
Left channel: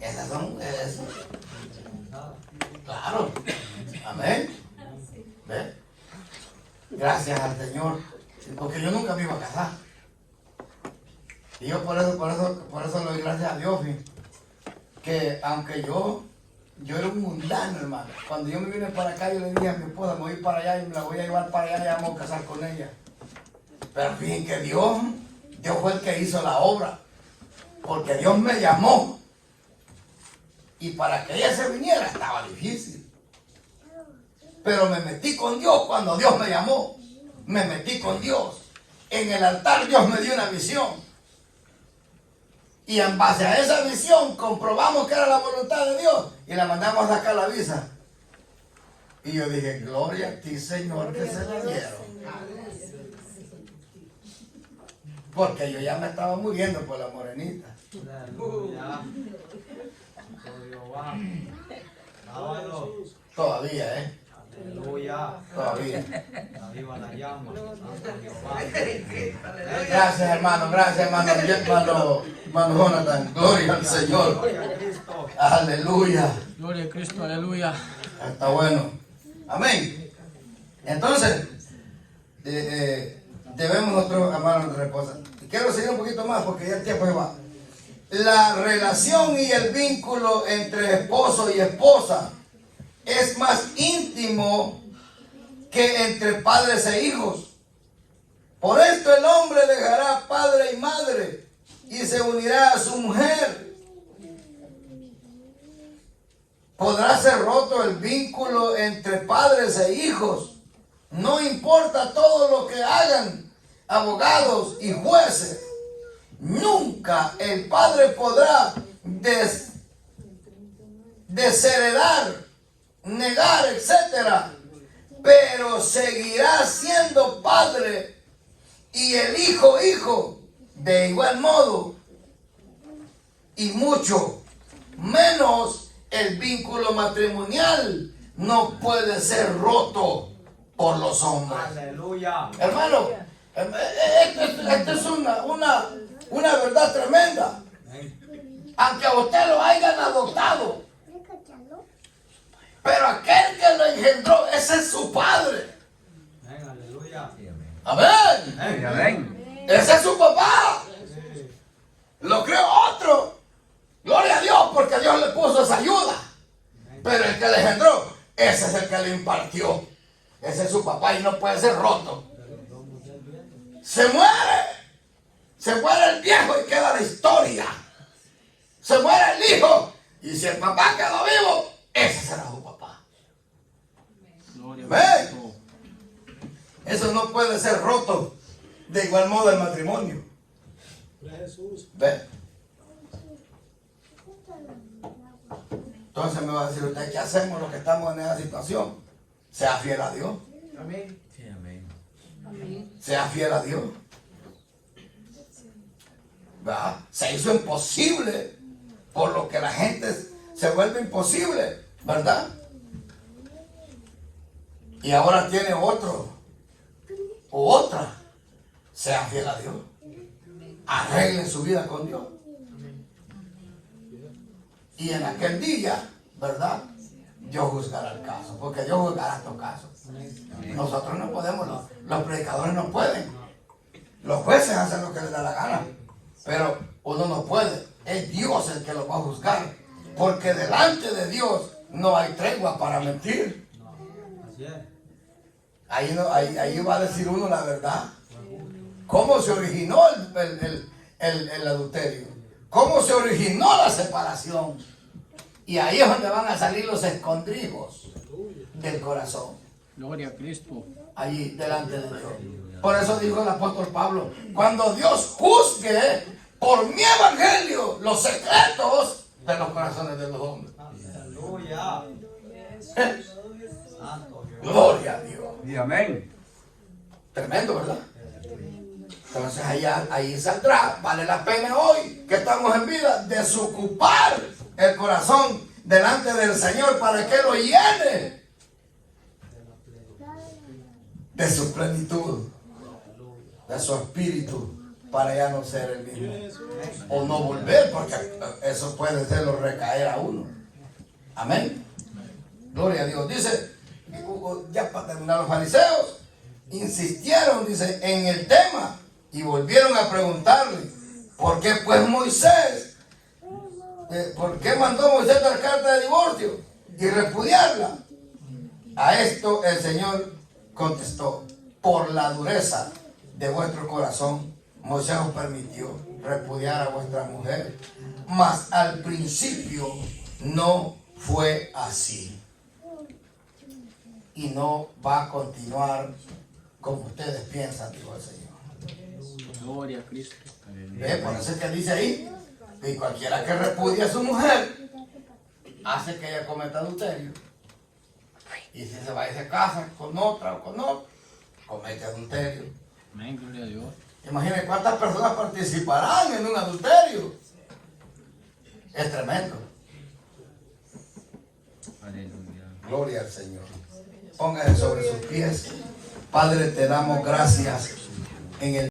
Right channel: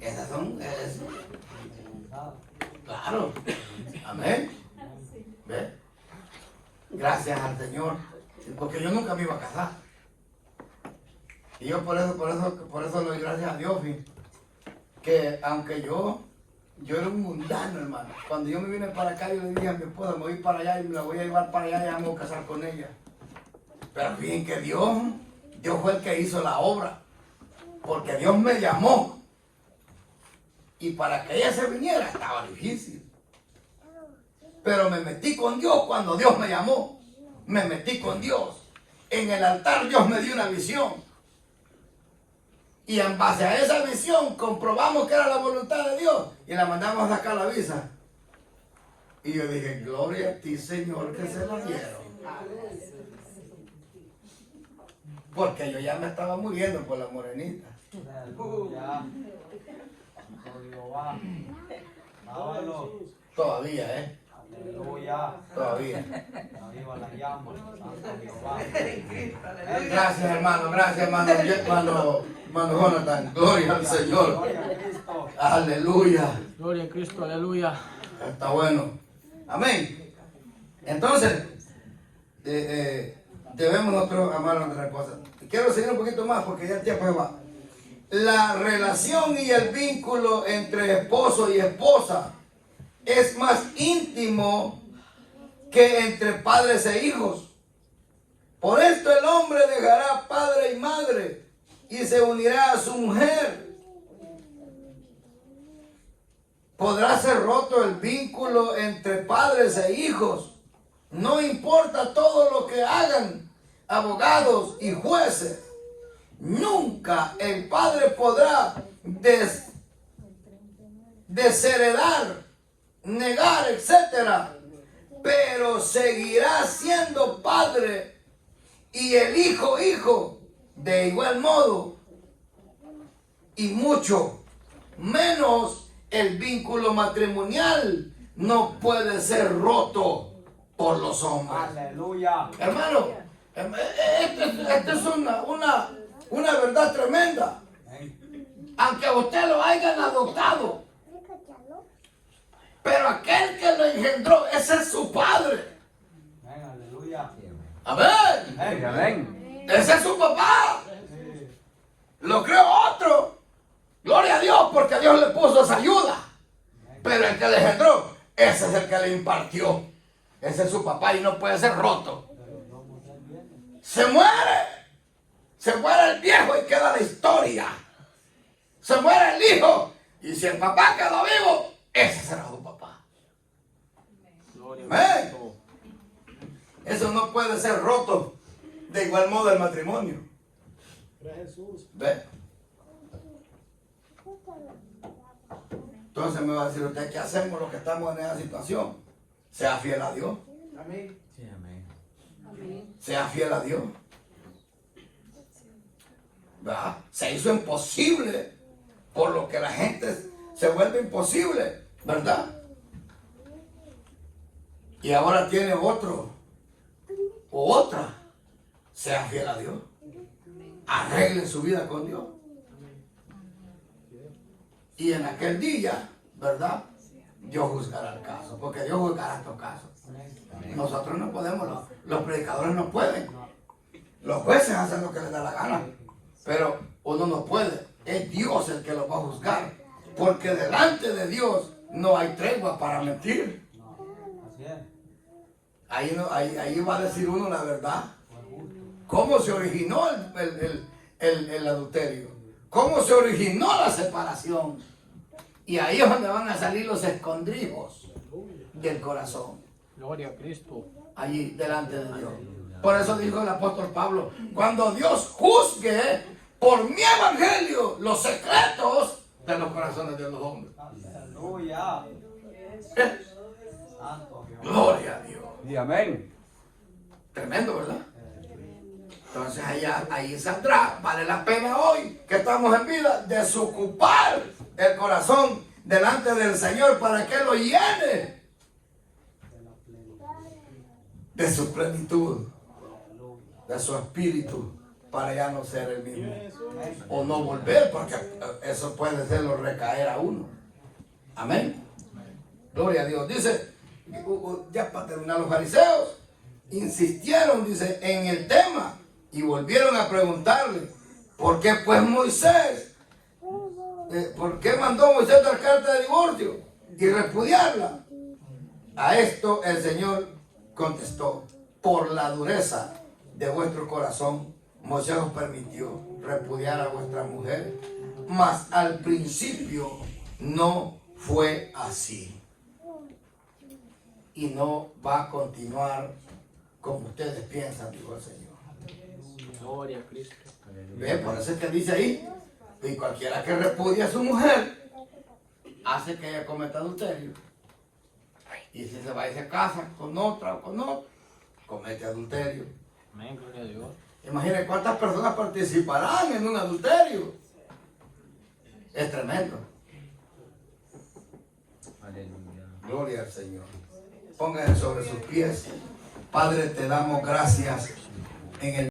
Esas son eso. Claro. Amén. ¿Ve? Gracias al Señor. Porque yo nunca me iba a casar. Y yo por eso le doy gracias a Dios, que aunque yo era un mundano, hermano. Cuando yo me vine para acá, yo le dije a mi esposa, me voy a ir para allá y me la voy a llevar para allá y vamos a casar con ella. Pero fíjense que Dios fue el que hizo la obra. Porque Dios me llamó. Y para que ella se viniera estaba difícil. Pero me metí con Dios cuando Dios me llamó. Me metí con Dios. En el altar Dios me dio una visión. Y en base a esa visión comprobamos que era la voluntad de Dios. Y la mandamos a sacar la visa. Y yo dije, gloria a ti, Señor, que se la dieron. Porque yo ya me estaba muriendo por la morenita. Todavía, ¿eh? Todavía. Gracias, hermano. Gracias, hermano Jonathan. Gloria al Señor. Aleluya. Gloria a Cristo, aleluya. Está bueno. Amén. Entonces, debemos nosotros amar a nuestra esposa. Y quiero seguir un poquito más porque ya el tiempo va. La relación y el vínculo entre esposo y esposa es más íntimo que entre padres e hijos. Por esto el hombre dejará padre y madre y se unirá a su mujer. Podrá ser roto el vínculo entre padres e hijos. No importa todo lo que hagan abogados y jueces. Nunca el padre podrá desheredar, negar, etcétera, pero seguirá siendo padre y el hijo de igual modo, y mucho menos el vínculo matrimonial no puede ser roto por los hombres. Aleluya. Hermano, esto es una verdad tremenda. Aunque a usted lo hayan adoptado, pero aquel que lo engendró, ese es su padre. Aleluya. Amén. Amén. Ese es su papá. Lo creó otro. Gloria a Dios, porque Dios le puso esa ayuda. Pero el que le engendró, ese es el que le impartió. Ese es su papá y no puede ser roto. Se muere el viejo y queda la historia. Se muere el hijo y si el papá quedó vivo, ese será su papá. Gloria a Amén. Cristo. Eso no puede ser roto. De igual modo el matrimonio. Jesús. ¿Ve? Entonces me va a decir usted, ¿qué hacemos los que estamos en esa situación? Sea fiel a Dios. Amén. Sí, amén. Sea fiel a Dios. ¿Verdad? Se hizo imposible por lo que la gente se vuelve imposible, ¿verdad? Y ahora tiene otro o otra. Sea fiel a Dios. Arreglen su vida con Dios. Y en aquel día, ¿verdad? Dios juzgará el caso, porque Dios juzgará estos casos. Nosotros no podemos, los predicadores no pueden. Los jueces hacen lo que les da la gana, pero uno no puede. Es Dios el que lo va a juzgar, porque delante de Dios no hay tregua para mentir. Así es. Ahí va a decir uno la verdad. ¿Cómo se originó el adulterio? ¿Cómo se originó la separación? Y ahí es donde van a salir los escondrijos. del corazón. Gloria a Cristo. Allí delante de Dios. Por eso dijo el apóstol Pablo, cuando Dios juzgue por mi evangelio los secretos de los corazones de los hombres. Aleluya. Gloria a Dios. Y amén. Tremendo, ¿verdad? Entonces ahí saldrá, vale la pena hoy que estamos en vida, desocupar el corazón delante del Señor para que lo llene de su plenitud, de su espíritu, para ya no ser el mismo. O no volver, porque eso puede hacerlo recaer a uno. Amén. Gloria a Dios. Dice, ya para terminar, los fariseos insistieron, dice, en el tema y volvieron a preguntarle, ¿por qué pues Moisés? ¿Por qué mandó Moisés dar carta de divorcio y repudiarla? A esto el Señor contestó, por la dureza de vuestro corazón, Moisés os permitió repudiar a vuestras mujeres, mas al principio no fue así. Y no va a continuar como ustedes piensan, dijo el Señor. Gloria a Cristo. ¿Ve? Por eso es que dice ahí, y cualquiera que repudie a su mujer, hace que ella cometa adulterio. Y si se va y se casa con otra o con otro, comete adulterio. Amén, gloria a Dios. Imaginen cuántas personas participarán en un adulterio. Es tremendo. Aleluya. Gloria al Señor. Pónganse sobre sus pies. Padre, te damos gracias en el